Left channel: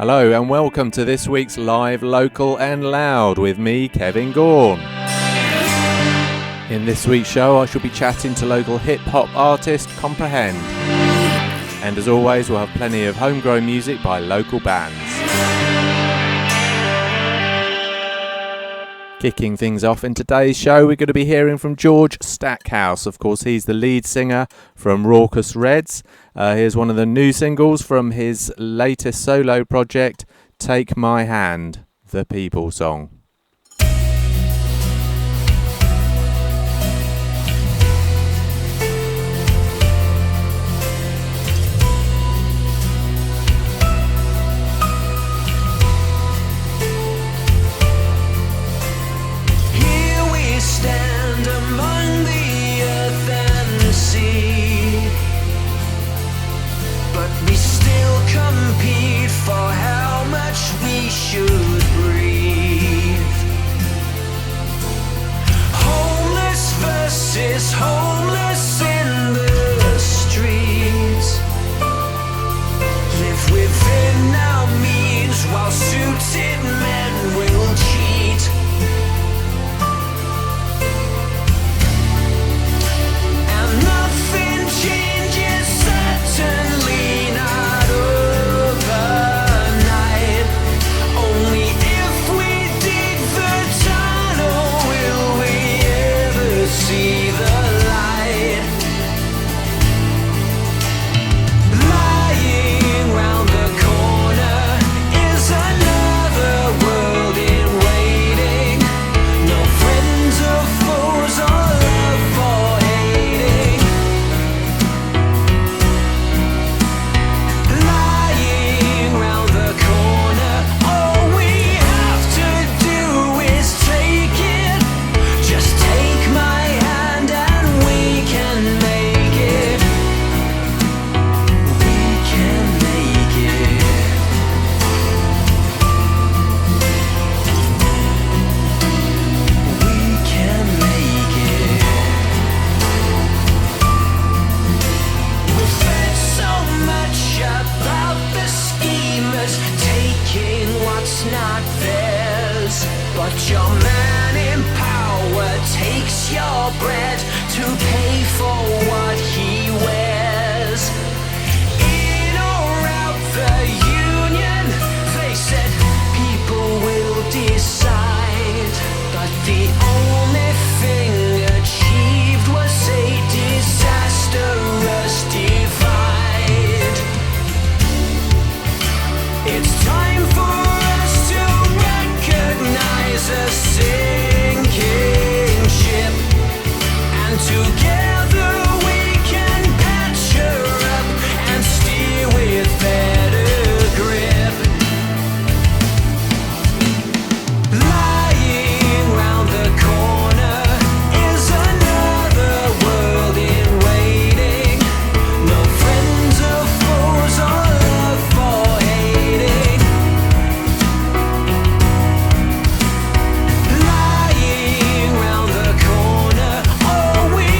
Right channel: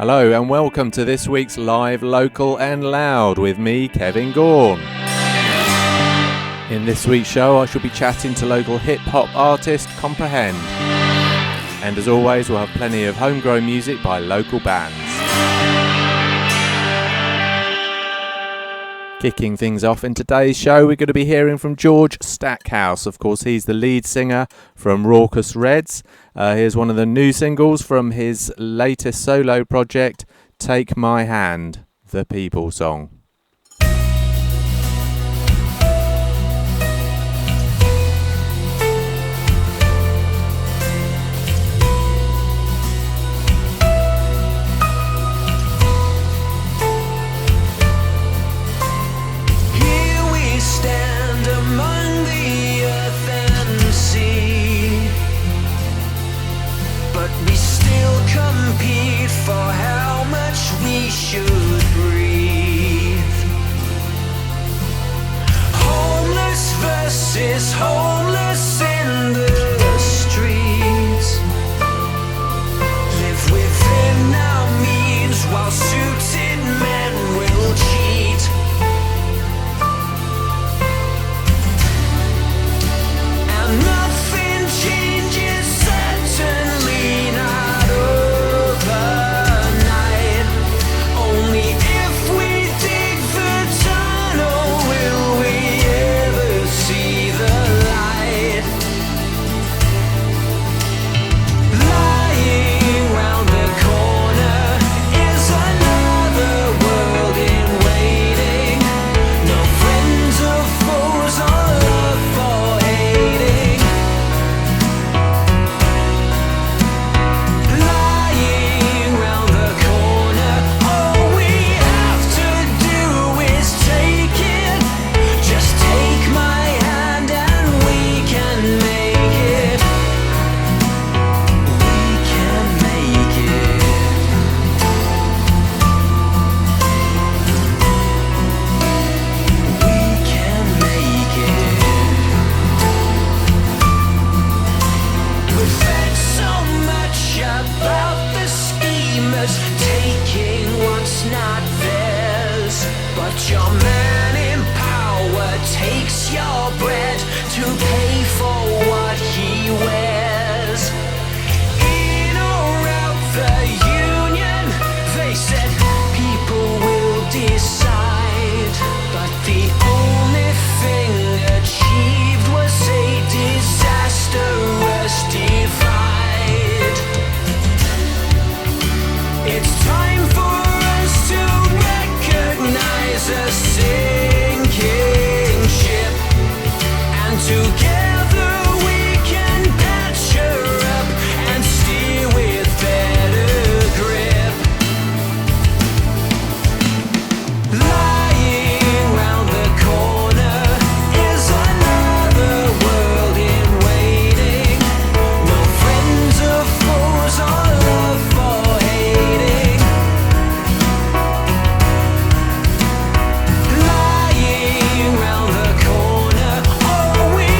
Hello and welcome to this week's Live, Local and Loud with me, Kevin Gaughan. In this week's show I shall be chatting to local hip-hop artist Comprehend. And as always we'll have plenty of homegrown music by local bands. Kicking things off in today's show, we're going to be hearing from George Stackhouse. Of course, he's the lead singer from Raucous Reds. Here's one of the new singles from his latest solo project, Take My Hand, the People Song. Stand among the earth and sea, but we still compete for how much we should breathe. Homeless versus homeless in the streets, live within our means while suited men will cheat. Nothing changes, certainly not overnight. Only if we dig the tunnel will we ever see the light. Lying round the corner is another world in waiting. No friends or foes or love for hating. Lying round the corner, all we have to do is take it. Just take my hand and we can make it. We can make it. We can make it. We've read so much about the schemers taking what's not theirs, but your man in power takes your bread to pay for what he wears. In or out the union, they said people will decide, but the only thing achieved was a disastrous divide. It's time for us to recognize a sinking ship, and together we can patch her up and steer with better grip. Lying round the corner is another world in waiting. No friends or foes or love for hating. Lying round the corner, all we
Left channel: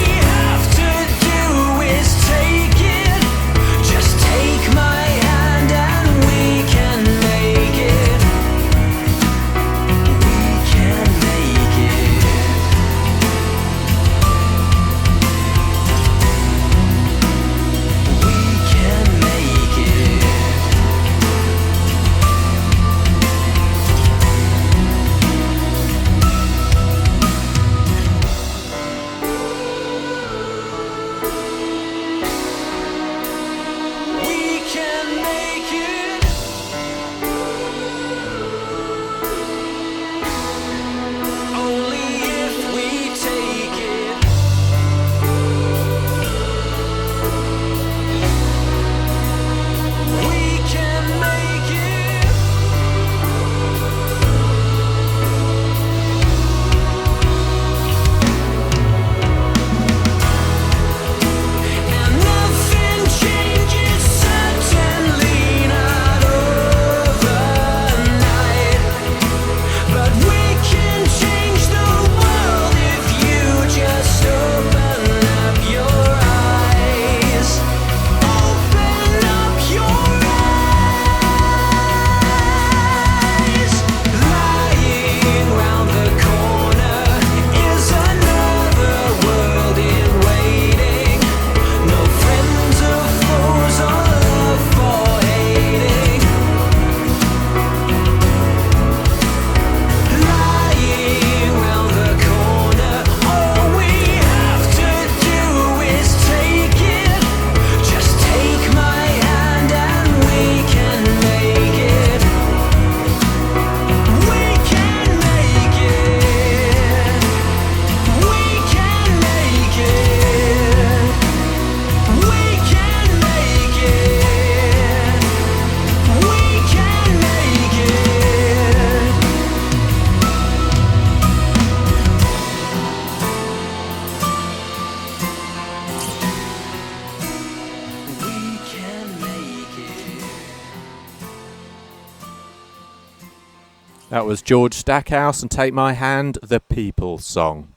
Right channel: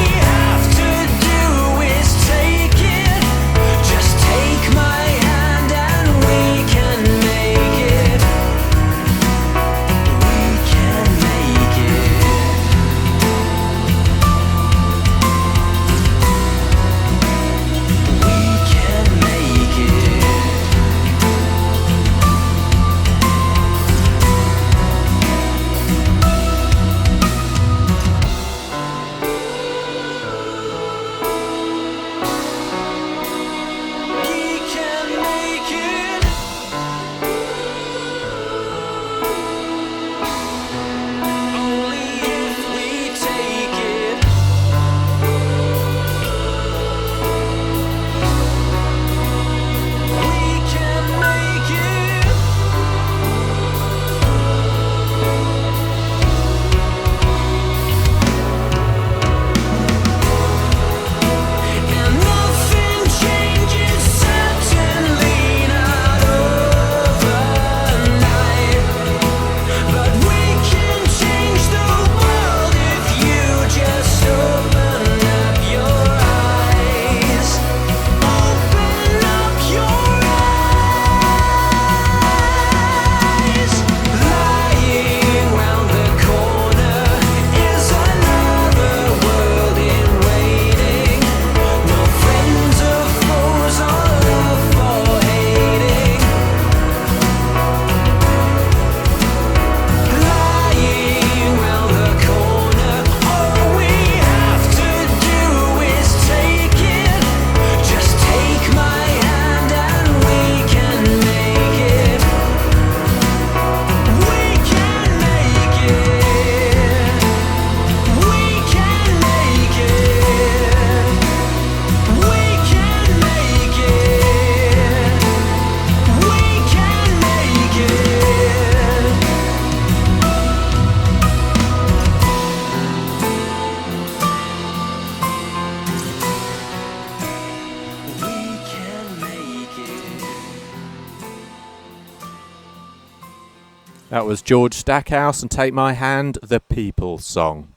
That was George Stackhouse and Take My Hand, the People song.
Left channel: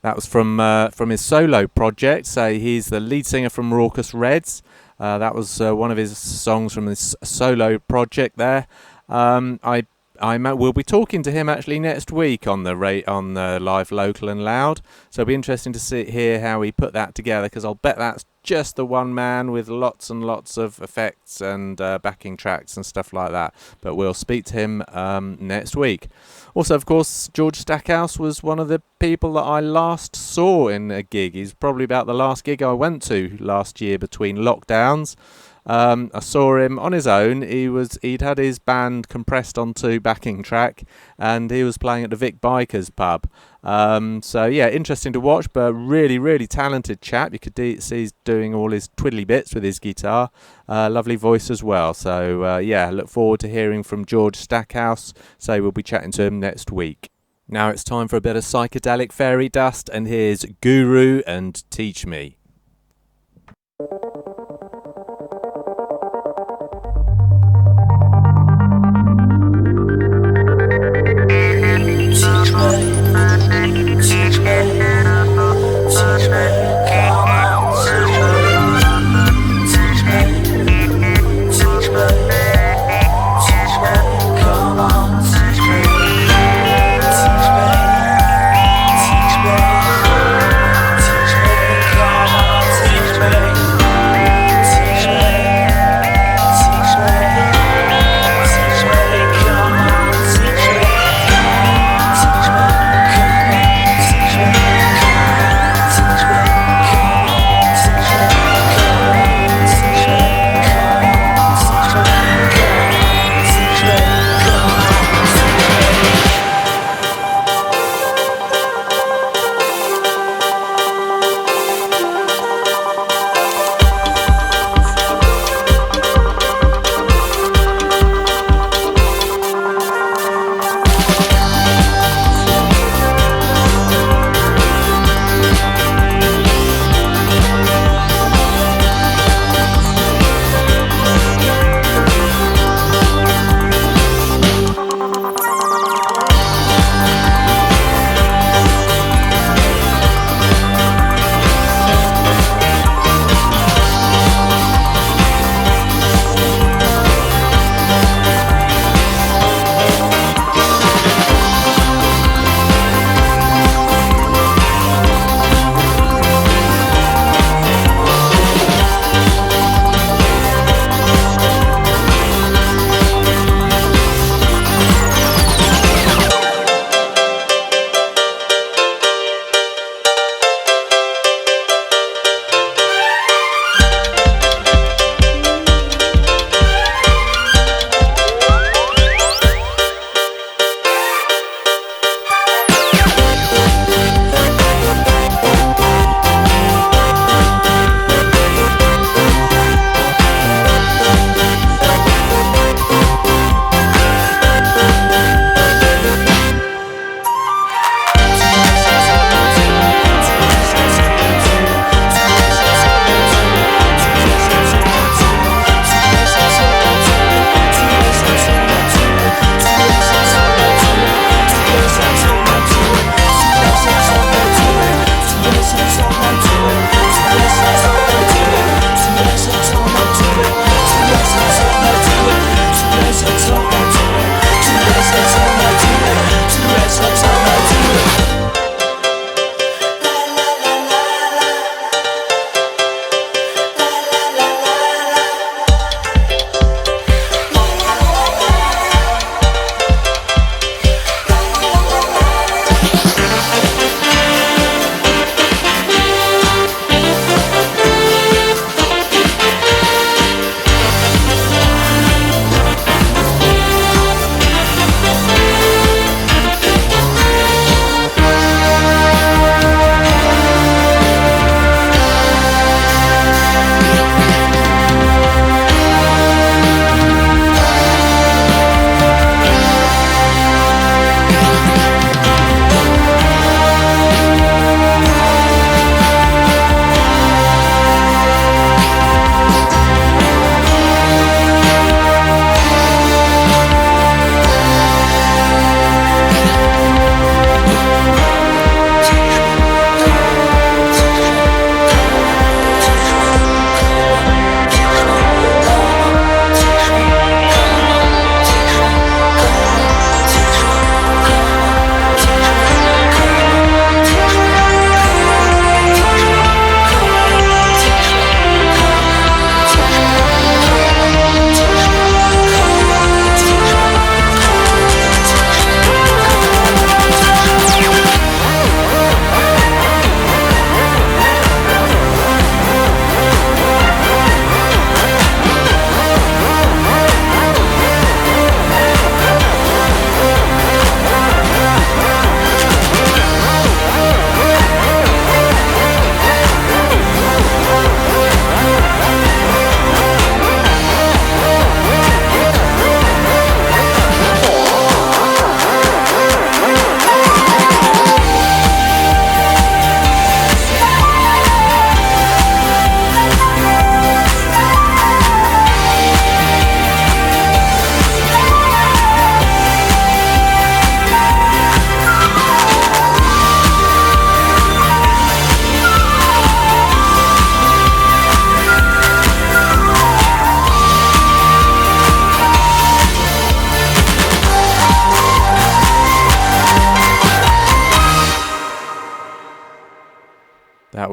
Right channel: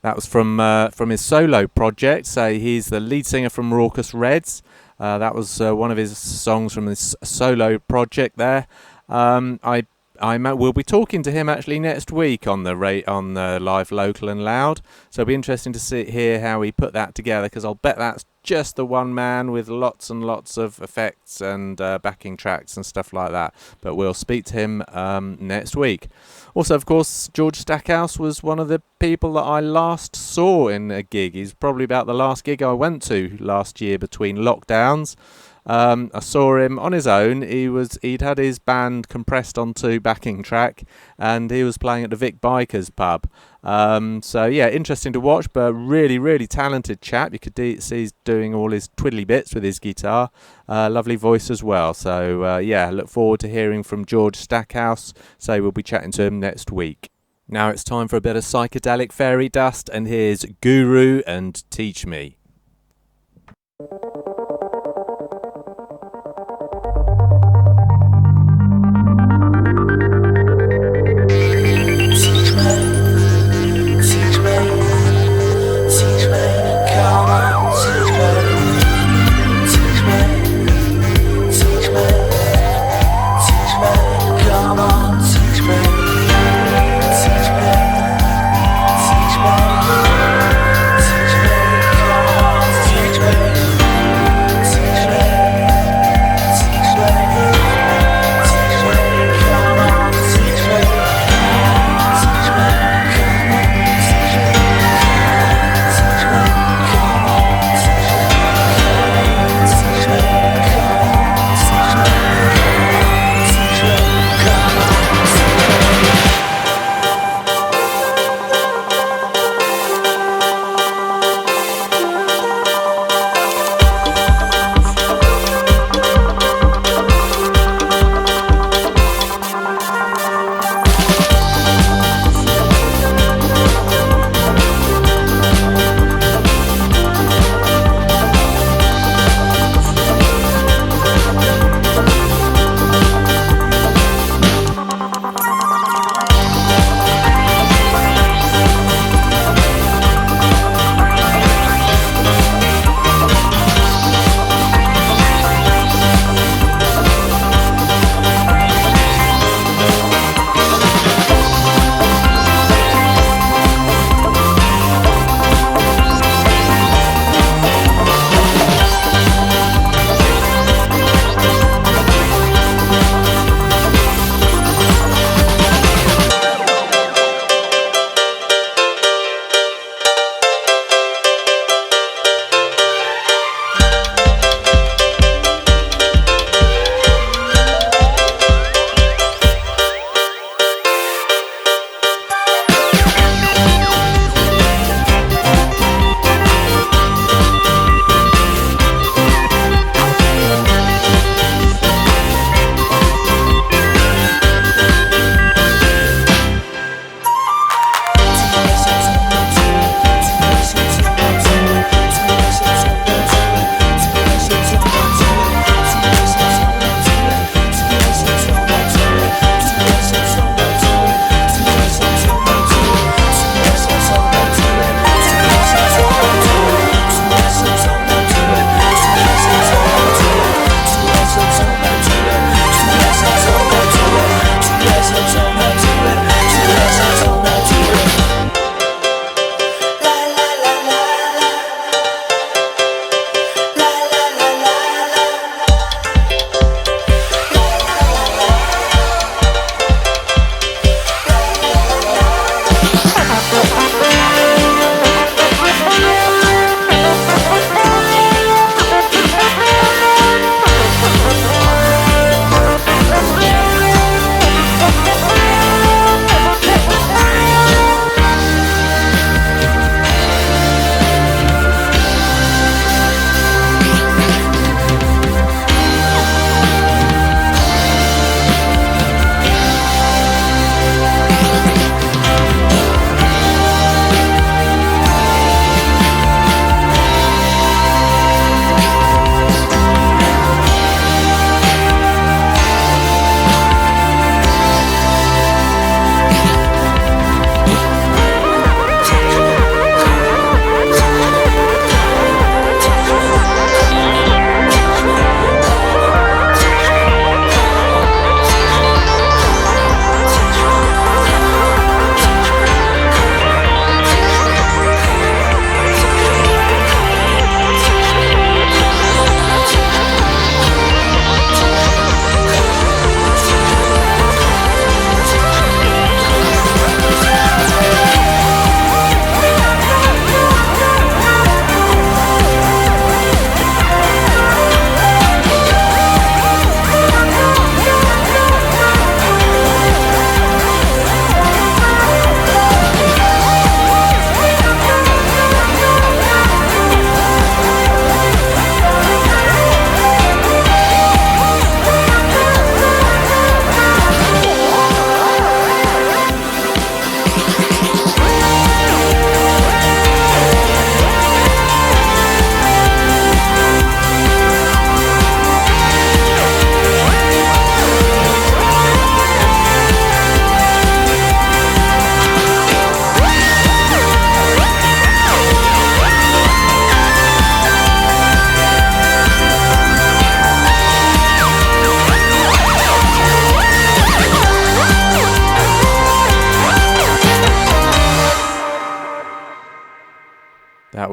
That was from his solo project. So he's the lead singer from Raucous Reds. That was one of his songs from his solo project there. We'll be talking to him actually next week on the Live Local and Loud. So it'll be interesting to hear how he put that together, because I'll bet that's just the one man with lots and lots of effects and backing tracks and stuff like that. But we'll speak to him next week. Also, of course, George Stackhouse was one of the people that I last saw in a gig. He's probably about the last gig I went to last year between lockdowns. I saw him on his own. He'd had his band compressed onto backing track, and he was playing at the Vic Bikers pub. So yeah, interesting to watch, but really, really talented chap. You could see he's doing all his twiddly bits with his guitar. Lovely voice as well. So yeah, look forward to hearing from George Stackhouse. So we'll be chatting to him next week. Now it's time for a bit of psychedelic fairy dust, and here's Guru and Teach Me.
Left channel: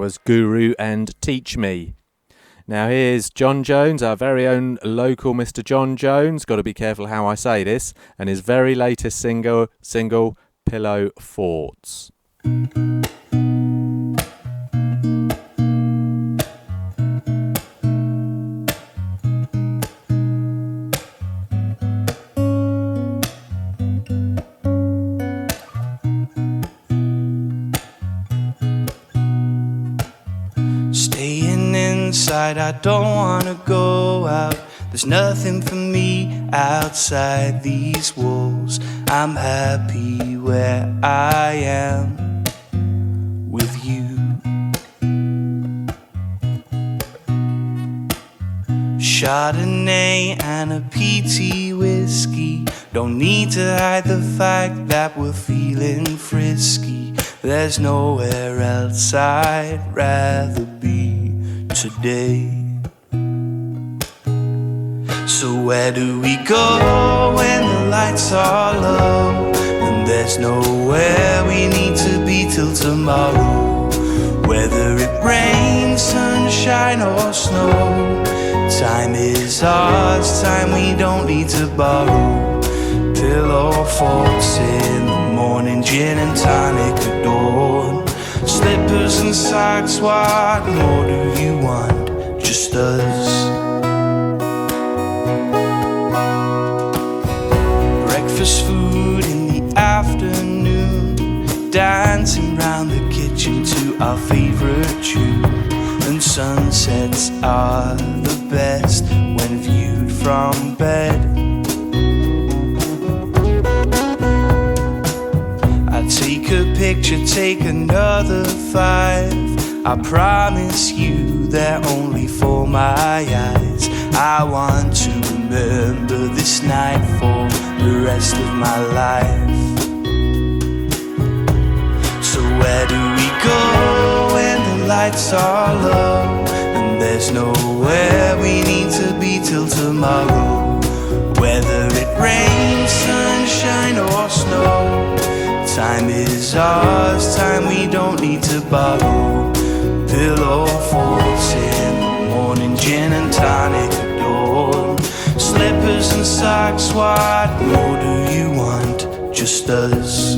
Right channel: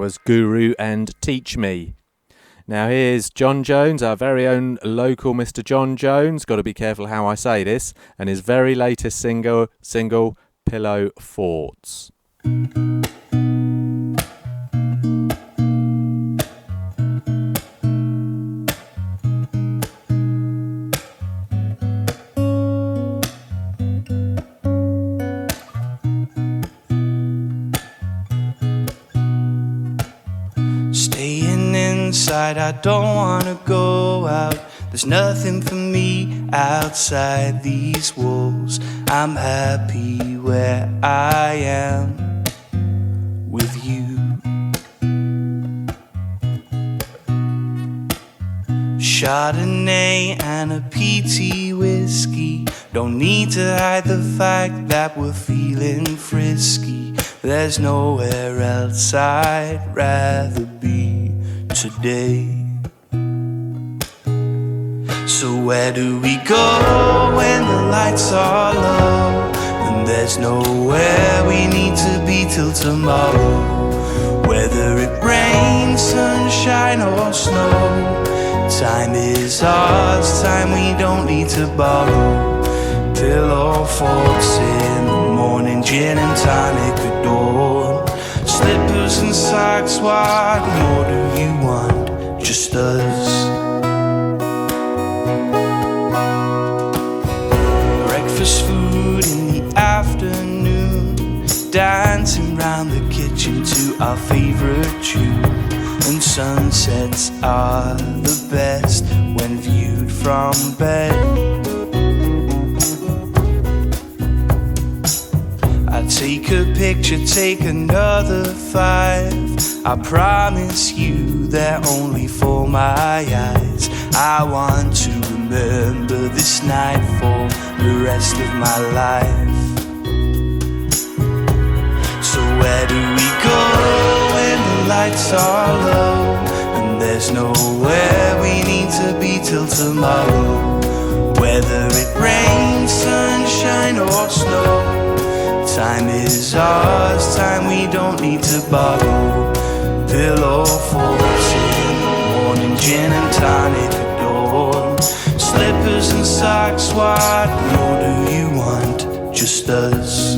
was Guru and Teach Me. Now here's John Jones, our very own local Mr. John Jones, got to be careful how I say this, and his very latest single Pillow Forts. Staying inside, I don't wanna go out. There's nothing for me outside these walls. I'm happy where I am with you. Chardonnay and a PT whiskey. Don't need to hide the fact that we're feeling frisky. There's nowhere else I'd rather be today. So where do we go when the lights are low? And there's nowhere we need to be till tomorrow. Whether it rains, sunshine or snow, time is ours, time we don't need to borrow. Pillow forts in the morning, gin and tonic at dawn. Slippers and socks, what more do you want? Just us. Breakfast food in the afternoon, dancing round the kitchen to our favorite tune. And sunsets are the best when viewed from bed. I take a picture, take another 5. I promise you they're only for my eyes. I want to remember this night for the rest of my life. So where do we go when the lights are low? And there's nowhere we need to be till tomorrow. Whether it rains, sunshine or snow, time is ours, time we don't need to borrow. Pillow forts in the morning, gin and tonic at dawn. Slippers and socks, what more do you want? Just us.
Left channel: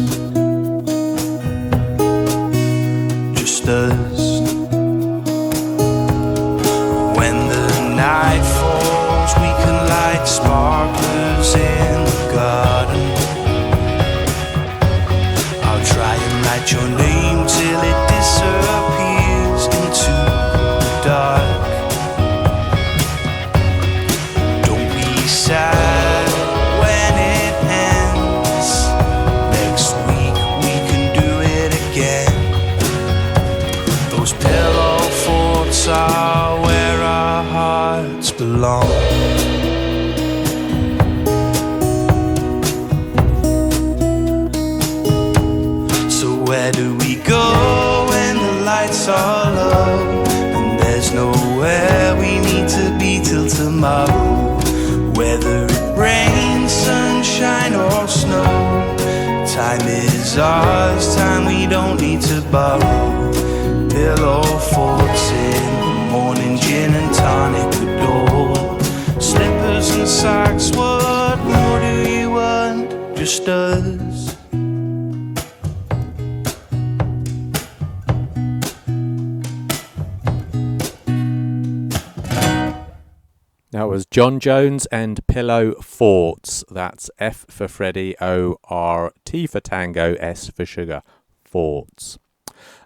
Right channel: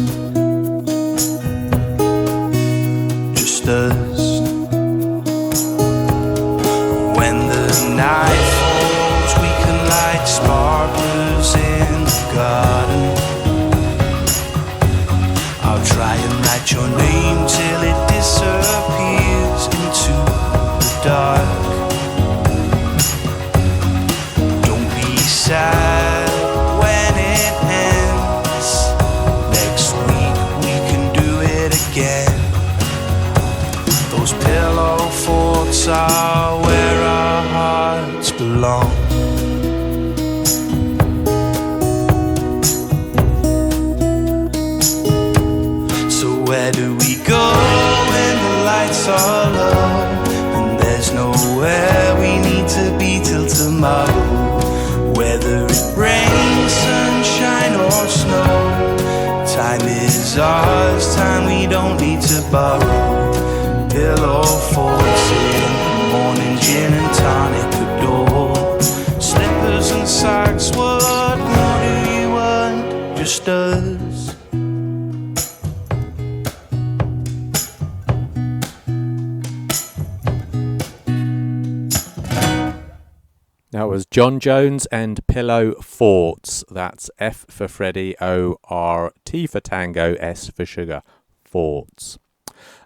Just us. When the night falls, we can light sparklers in the garden. I'll try and write your name till it disappears into the dark. Don't be sad when it ends. Next week we can do it again. Those pillow forts are where our hearts belong. Where do we go when the lights are low? And there's nowhere we need to be till tomorrow. Whether it rains, sunshine or snow, time is ours, time we don't need to borrow. Pillow forts in the morning, gin and tonic at dawn. Slippers and socks, what more do you want? Just us. That was John Jones and Pillow Forts. That's F for Freddy, O, R, T for Tango, S for Sugar. Forts.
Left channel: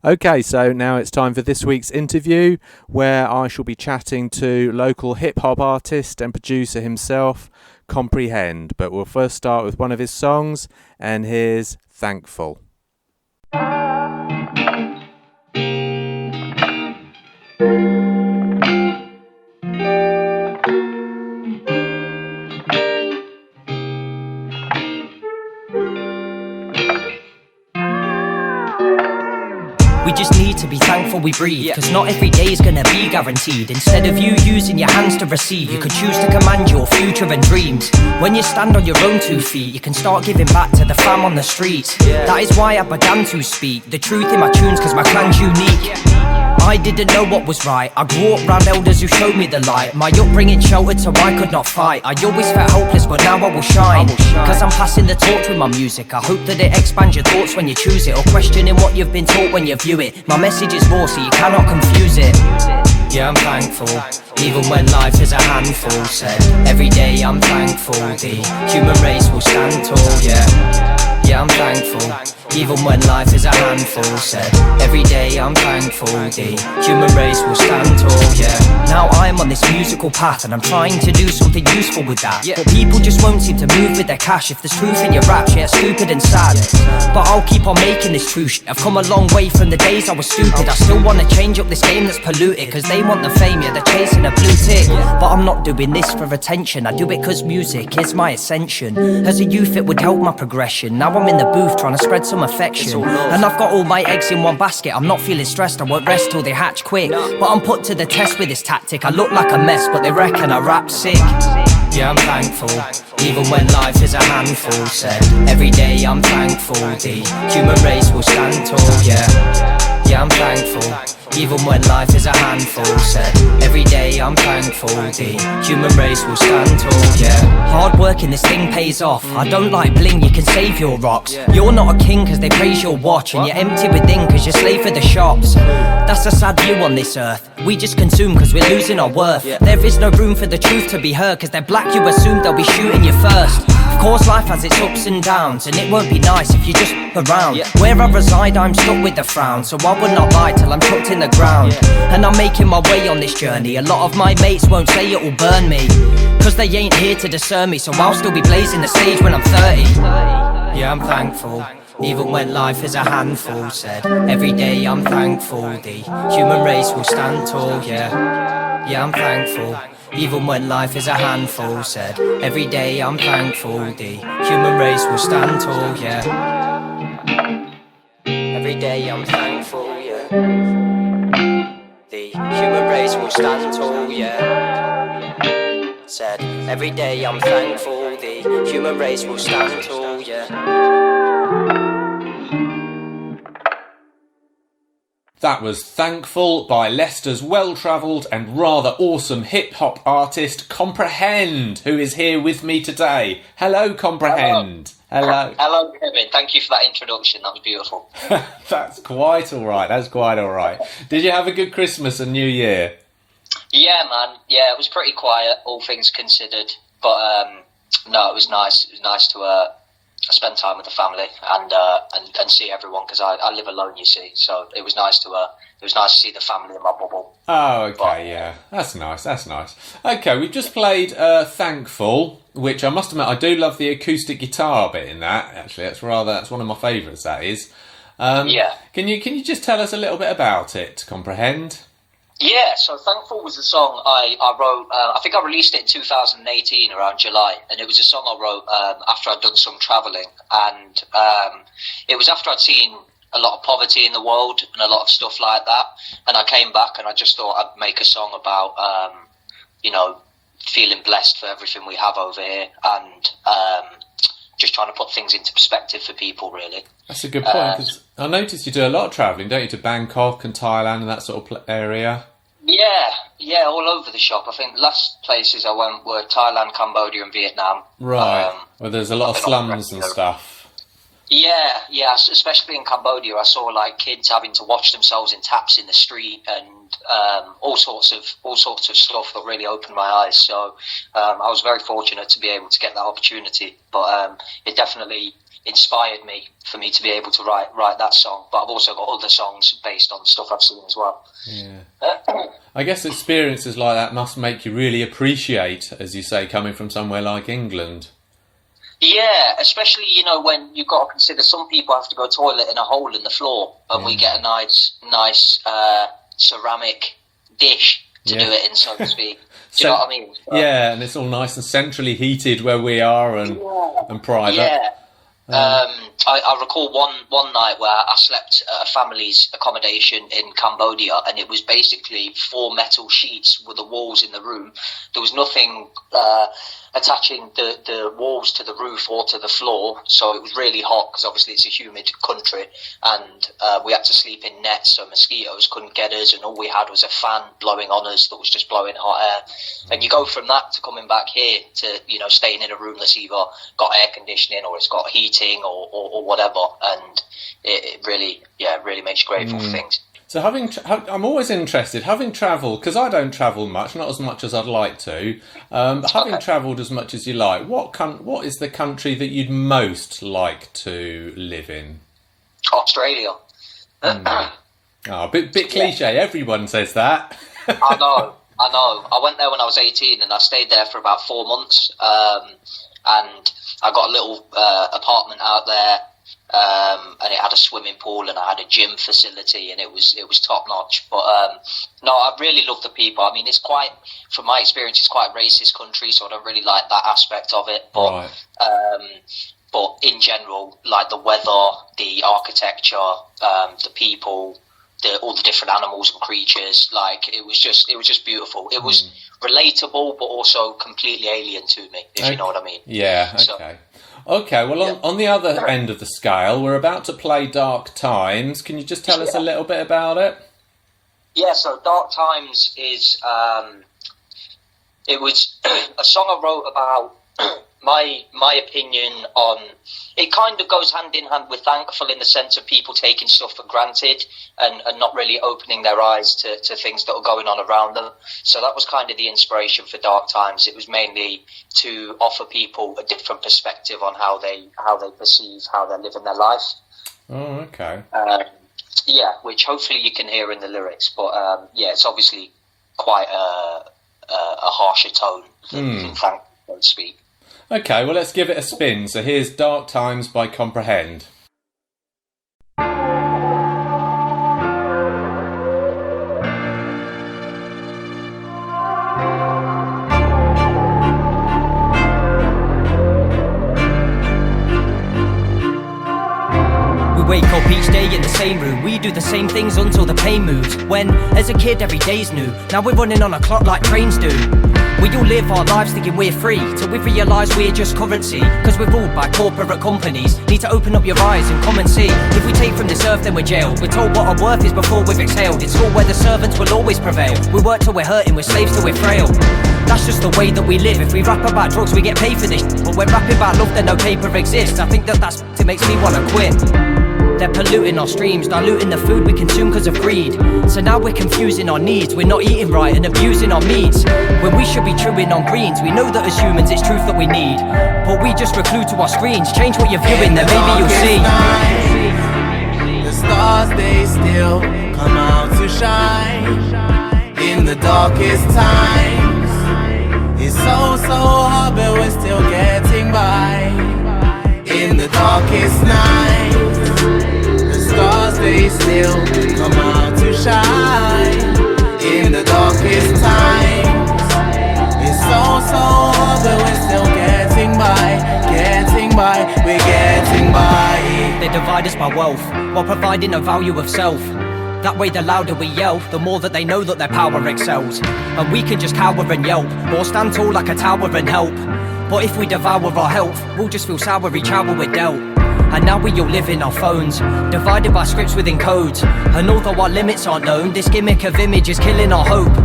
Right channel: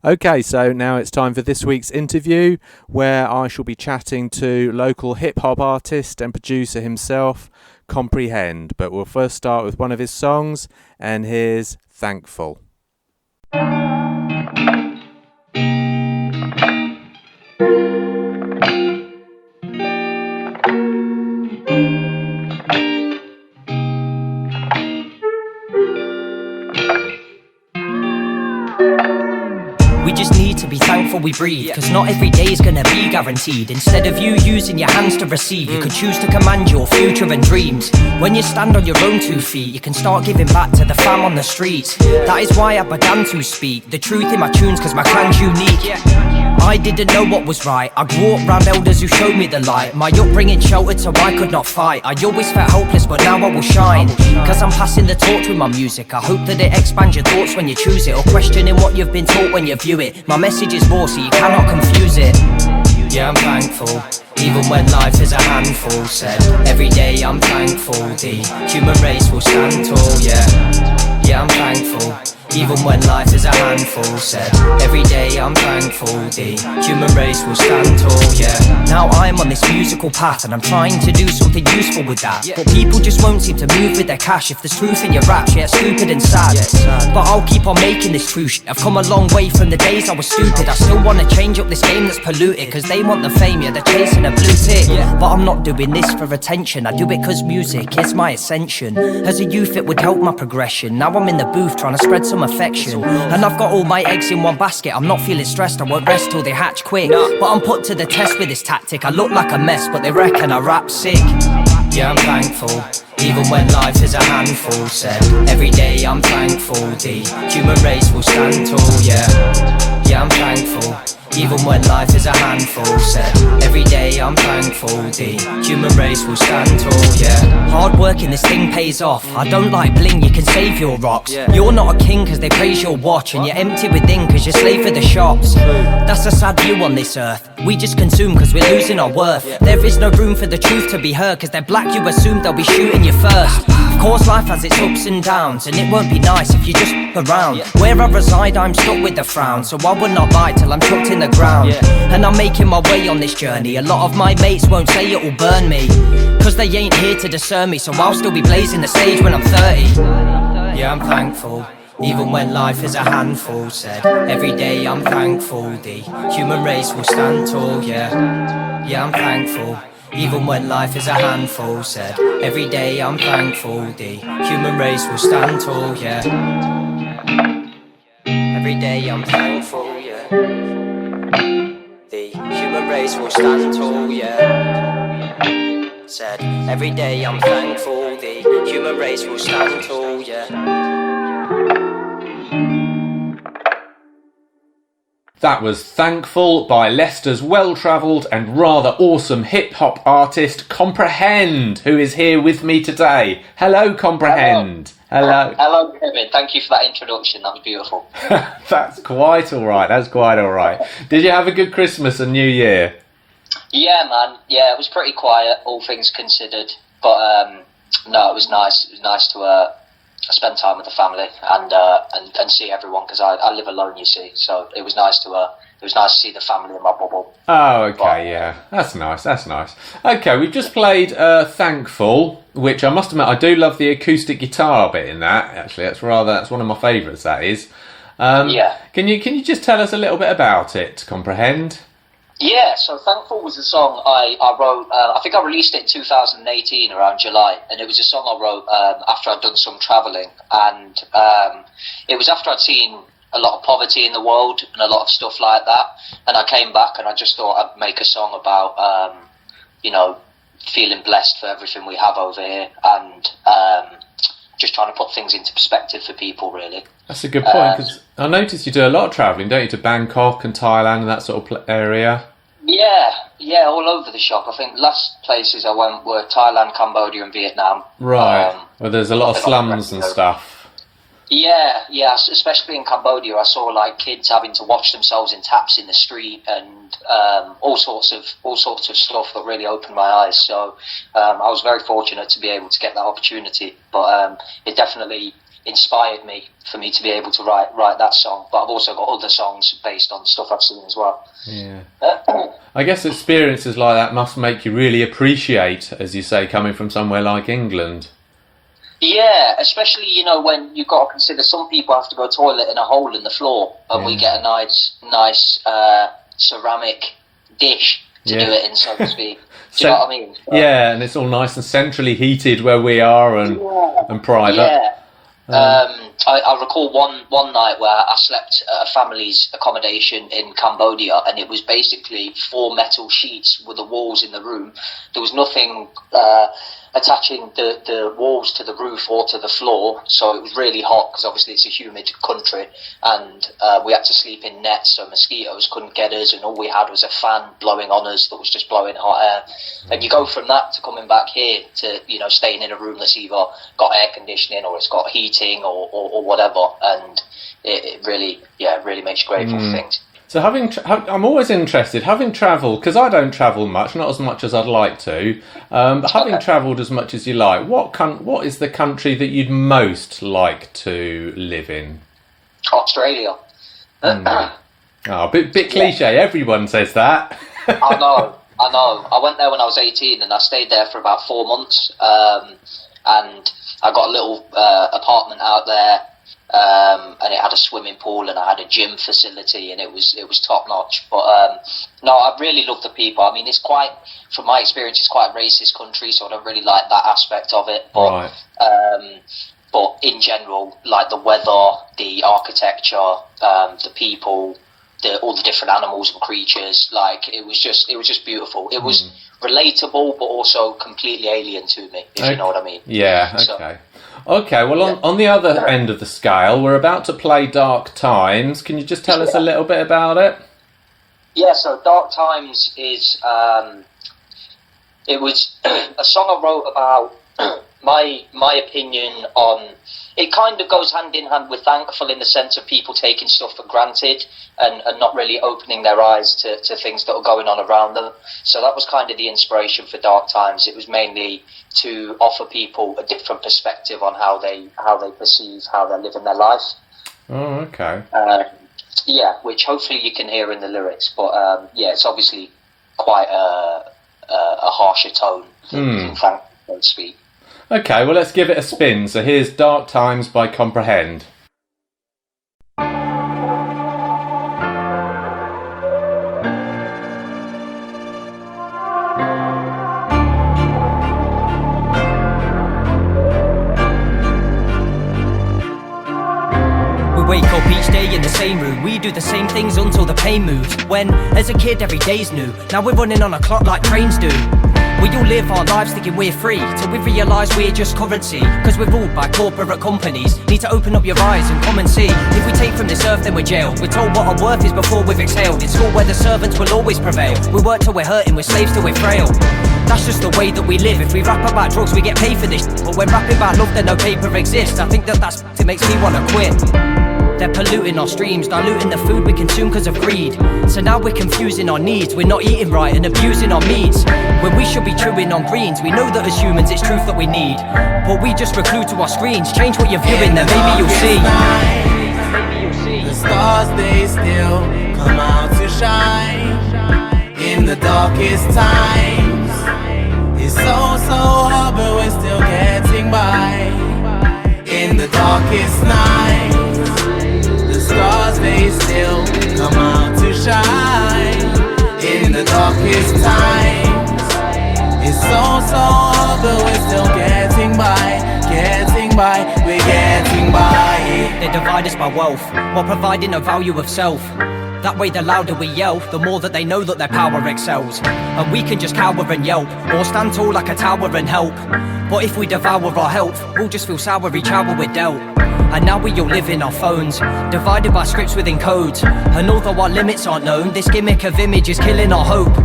Okay, so now it's time for this week's interview, where I shall be chatting to local hip-hop artist and producer himself, Comprehend. But we'll first start with one of his songs, and here's Thankful. We just need to be thankful we breathe, cause not every day is gonna be guaranteed. Instead of you using your hands to receive, you could choose to command your future and dreams. When you stand on your own 2 feet, you can start giving back to the fam on the streets. That is why I began to speak the truth in my tunes, cause my clan's unique. I didn't know what was right. I grew up round elders who showed me the light. My upbringing sheltered so I could not fight. I always felt hopeless, but now I will shine. Cause I'm passing the torch with my music. I hope that it expands your thoughts when you choose it, or questioning what you've been taught when you view it. My message is raw, so you cannot confuse it. Yeah, I'm thankful, even when life is a handful. Said, every day I'm thankful, the human race will stand tall, yeah, I'm thankful, even when life is a handful. Said, every day I'm thankful, the human race will stand tall, yeah. Now I'm on this musical path and I'm trying to do something useful with that, but people just won't seem to move with their cash. If there's truth in your raps, yeah, stupid and sad, but I'll keep on making this true shit. I've come a long way from the days I was stupid. I still wanna change up this game that's polluted, cause they want the fame, yeah, they're chasing a blue tick, but I'm not doing this for attention. I do it cause music is my ascension. As a youth it would help my progression. Now I'm in the booth trying to spread some affection, and I've got all my eggs in one basket. I'm not feeling stressed, I won't rest till they hatch quick, but I'm put to the test with this tactic. I look like a mess, but they reckon I rap sick. Yeah, I'm thankful, even when life is a handful. Said, every day I'm thankful, the human race will stand tall, yeah, I'm thankful, even when life is a handful. Said, every day I'm thankful, the human race will stand tall, yeah. Hard work in this thing pays off. I don't like bling, you can save your rocks. You're not a king cause they praise your watch, and you're empty within cause you're slave for the shops. That's a sad view on this earth. We just consume cause we're losing our worth. There is no room for the truth to be heard, cause they're black, you assume they'll be shooting you first. Of course life has its ups and downs, and it won't be nice if you just around. Where I reside I'm stuck with the frown, so I will not lie till I'm chucked in the ground. And I'm making my way on this journey. A lot of my mates won't say it will burn me, cause they ain't here to discern me, so I'll still be blazing the stage when I'm 30. Yeah, I'm thankful, even when life is a handful. Said, every day I'm thankful, the human race will stand tall, yeah, I'm thankful, even when life is a handful. Said, every day I'm thankful, the human race will stand tall, yeah, every day I'm thankful, yeah, the human race will stand tall, yeah. Said, every day I'm thankful, the human race will stand tall, yeah. That was Thankful by Leicester's well-travelled and rather awesome hip-hop artist Comprehend, who is here with me today. Hello, Comprehend. Hello. Hello, Kevin. Thank you for that introduction. That was beautiful. That's quite all right. Did you have a good Christmas and New Year? Yeah, man. Yeah, it was pretty quiet, all things considered. But no, it was nice. It was nice to spend time with the family and see everyone, because I live alone, you see. So it was nice to see the family in my bubble. Oh, okay, yeah. That's nice. Okay, we've just played Thankful, which I must admit I do love the acoustic guitar bit in that, actually. That's one of my favourites, that is. Yeah. Can you just tell us a little bit about it to Comprehend? Yeah, so Thankful was a song I wrote, I think I released it in 2018 around July, and it was a song I wrote after I'd done some travelling, and it was after I'd seen a lot of poverty in the world and a lot of stuff like that, and I came back and I just thought I'd make a song about, feeling blessed for everything we have over here, and just trying to put things into perspective for people, really. That's a good point, because I noticed you do a lot of travelling, don't you, to Bangkok and Thailand and that sort of area? Yeah, all over the shop. I think last places I went were Thailand, Cambodia and Vietnam. Right, well, there's a lot of slums and stuff. Yeah, especially in Cambodia, I saw like kids having to wash themselves in taps in the street, and all sorts of stuff that really opened my eyes. So I was very fortunate to be able to get that opportunity, but it definitely inspired me for me to be able to write that song. But I've also got other songs based on stuff I've seen as well. Yeah. I guess experiences like that must make you really appreciate, as you say, coming from somewhere like England. Yeah, especially, when you've got to consider some people have to go toilet in a hole in the floor, and we get a nice ceramic dish to do it in, so to speak. Do you know what I mean? Yeah, and it's all nice and centrally heated where we are, and private. Yeah. I recall one night where I slept at a family's accommodation in Cambodia, and it was basically 4 metal sheets with the walls in the room. There was nothing attaching the walls to the roof or to the floor, so it was really hot because obviously it's a humid country, and we had to sleep in nets so mosquitoes couldn't get us, and all we had was a fan blowing on us that was just blowing hot air. And you go from that to coming back here to, you know, staying in a room that's either got air conditioning or it's got heating or whatever, and it really makes you grateful for things. So I'm always interested, having travelled, because I don't travel much, not as much as I'd like to, but having travelled as much as you like, what is the country that you'd most like to live in? Australia. Oh, bit cliche, everyone says that. I know. I went there when I was 18 and I stayed there for about 4 months, and I got a little apartment out there. And it had a swimming pool and I had a gym facility, and it was top notch. But no, I really love the people. I mean, it's quite, from my experience, it's quite a racist country, so I don't really like that aspect of it. But, right. But in general, like the weather, the architecture, the people, all the different animals and creatures, like it was just beautiful. It was relatable, but also completely alien to me, if you know what I mean. Yeah. Okay. Okay, well, on the other end of the scale, we're about to play Dark Times. Can you just tell us a little bit about it? Yeah, so Dark Times is, it was a song I wrote about my opinion on, it kind of goes hand in hand with Thankful in the sense of people taking stuff for granted and not really opening their eyes to things that are going on around them. So that was kind of the inspiration for Dark Times. It was mainly to offer people a different perspective on how they perceive, how they're living their life. Oh, okay. Yeah, which hopefully you can hear in the lyrics. But yeah, it's obviously quite a harsher tone than Thankful, so to speak. Okay, well, let's give it a spin. So here's Dark Times by Comprehend. Wake up each day in the same room. We do the same things until the pain moves. When, as a kid, every day's new. Now we're running on a clock like trains do. We all live our lives thinking we're free, till we realise we're just currency. Cause we're ruled by corporate companies. Need to open up your eyes and come and see. If we take from this earth, then we're jailed. We're told what our worth is before we've exhaled. In school where the servants will always prevail. We work till we're hurting, we're slaves till we're frail. That's just the way that we live. If we rap about drugs, we get paid for this. But when rapping about love, then no paper exists. I think that's it makes me wanna quit. They're polluting our streams, diluting the food we consume because of greed. So now we're confusing our needs. We're not eating right and abusing our meats, when we should be chewing on greens. We know that as humans it's truth that we need, but we just reclude to our screens. Change what you're viewing, then maybe you'll see. The stars, they still come out to shine in the darkest times. It's so hard, but we're still getting by in the darkest nights. The stars, they still come out to shine in the darkest times. It's so hard, but we're still getting by, we're getting by. They divide us by wealth, while providing a value of self. That way the louder we yell, the more that they know that their power excels. And we can just cower and yelp, or stand tall like a tower and help. But if we devour our health, we'll just feel sour each hour we're dealt. And now we all live in our phones, divided by scripts within codes. And although our limits aren't known, this gimmick of image is killing our hope.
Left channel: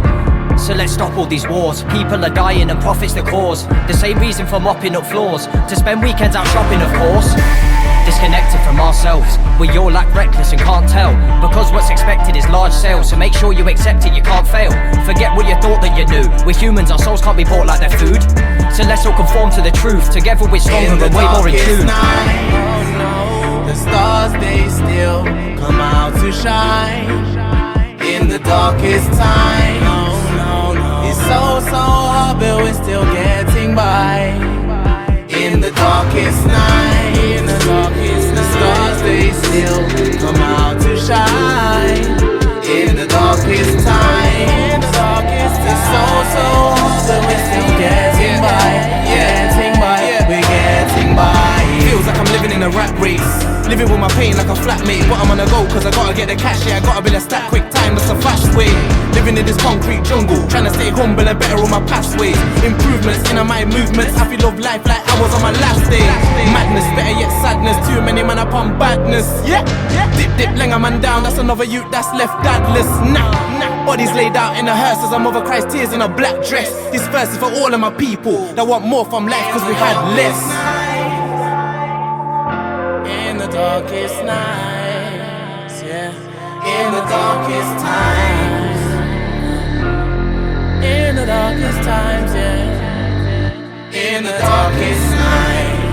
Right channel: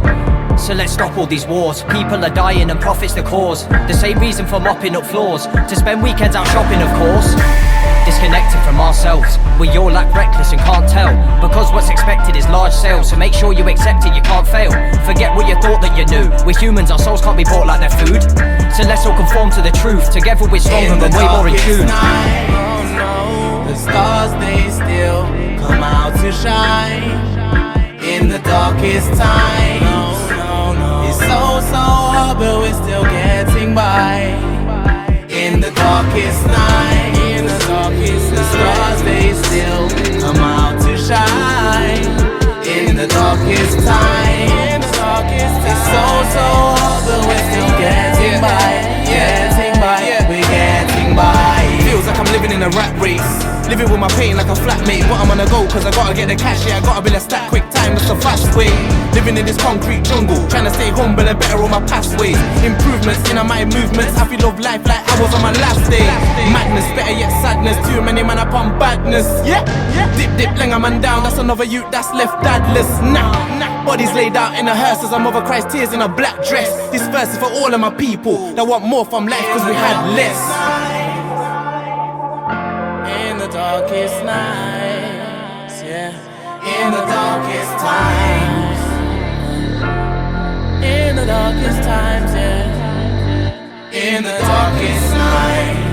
So let's stop all these wars. People are dying and profit's the cause. The same reason for mopping up floors, to spend weekends out shopping, of course. Disconnected from ourselves, we all act reckless and can't tell, because what's expected is large sales. So make sure you accept it, you can't fail. Forget what you thought that you knew. We're humans, our souls can't be bought like their food. So let's all conform to the truth. Together we're stronger and way more in tune. Oh no, the stars, they still come out to shine in the darkest times. No, it's so hard, but we're still getting by in the darkest night. The stars, they still come out to shine in the darkest time. It's so hard, but we're still getting by, we're getting by. Feels like I'm living in a rat race. Living with my pain like a flatmate, but I'm on a go cause I gotta get the cash, yeah, I gotta build a stack quick time, that's a fast way. Living in this concrete jungle, trying to stay humble and better on my past ways. Improvements in my movements, I feel love life like I was on my last day. Madness, better yet sadness, too many man upon badness. Yeah, dip, langer man down, that's another youth that's left dadless. Nah, bodies laid out in a hearse as a mother cries tears in a black dress. This verse is for all of my people that want more from life cause we had less. In the darkest nights, yeah. In the darkest times. In the darkest times, yeah. In the darkest night.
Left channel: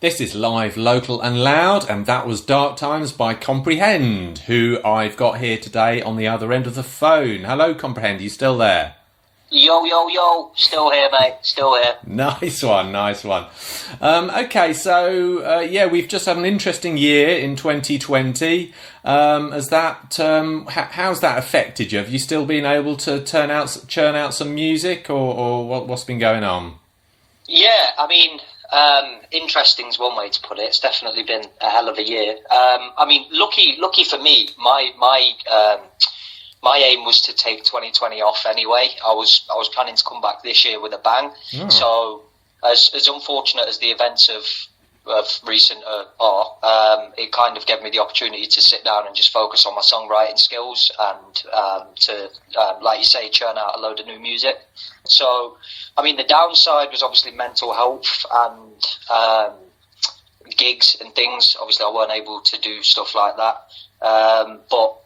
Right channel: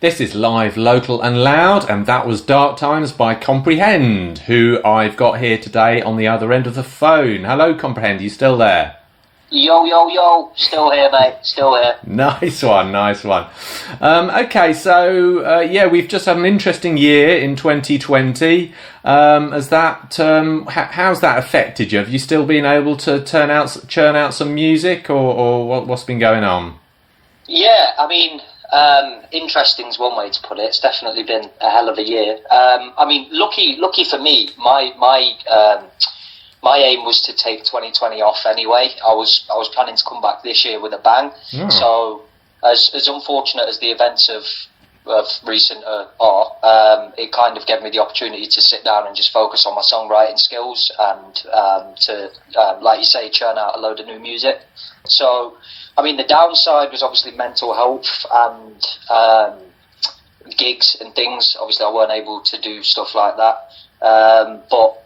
This is live, local and loud, and that was Dark Times by Comprehend, who I've got here today on the other end of the phone. Hello, Comprehend, you still there? Yo, still here, mate, still here. Nice one. Okay, so yeah, we've just had an interesting year in 2020. How's that affected you? Have you still been able to churn out some music, or what's been going on? Yeah, I mean, interesting's one way to put it. It's definitely been a hell of a year. I mean, lucky for me, my aim was to take 2020 off anyway. I was planning to come back this year with a bang. Oh. So as unfortunate as the events of recent are, it kind of gave me the opportunity to sit down and just focus on my songwriting skills and to, like you say, churn out a load of new music. So, I mean, the downside was obviously mental health and gigs and things. Obviously, I weren't able to do stuff like that. But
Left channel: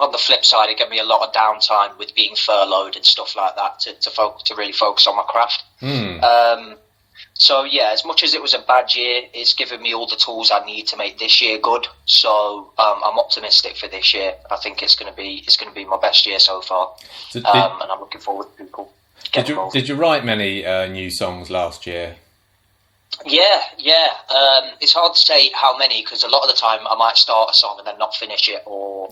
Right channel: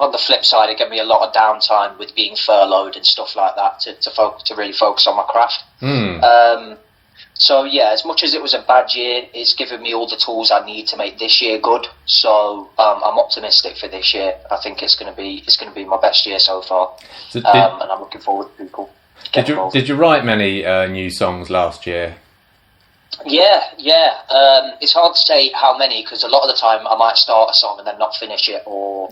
on the flip side, it gave me a lot of downtime with being furloughed and stuff like that to really focus on my craft. So, yeah, as much as it was a bad year, it's given me all the tools I need to make this year good. So I'm optimistic for this year. I think it's going to be my best year so far. And I'm looking forward to people. Did you write many new songs last year? Yeah. It's hard to say how many because a lot of the time I might start a song and then not finish it, or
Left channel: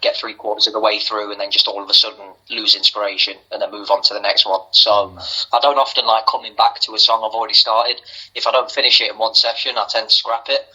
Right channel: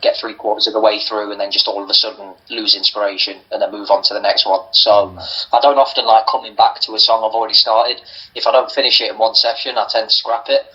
get 3/4 of the way through and then just all of a sudden lose inspiration and then move on to the next one. So I don't often like coming back to a song I've already started. If I don't finish it in one session, I tend to scrap it.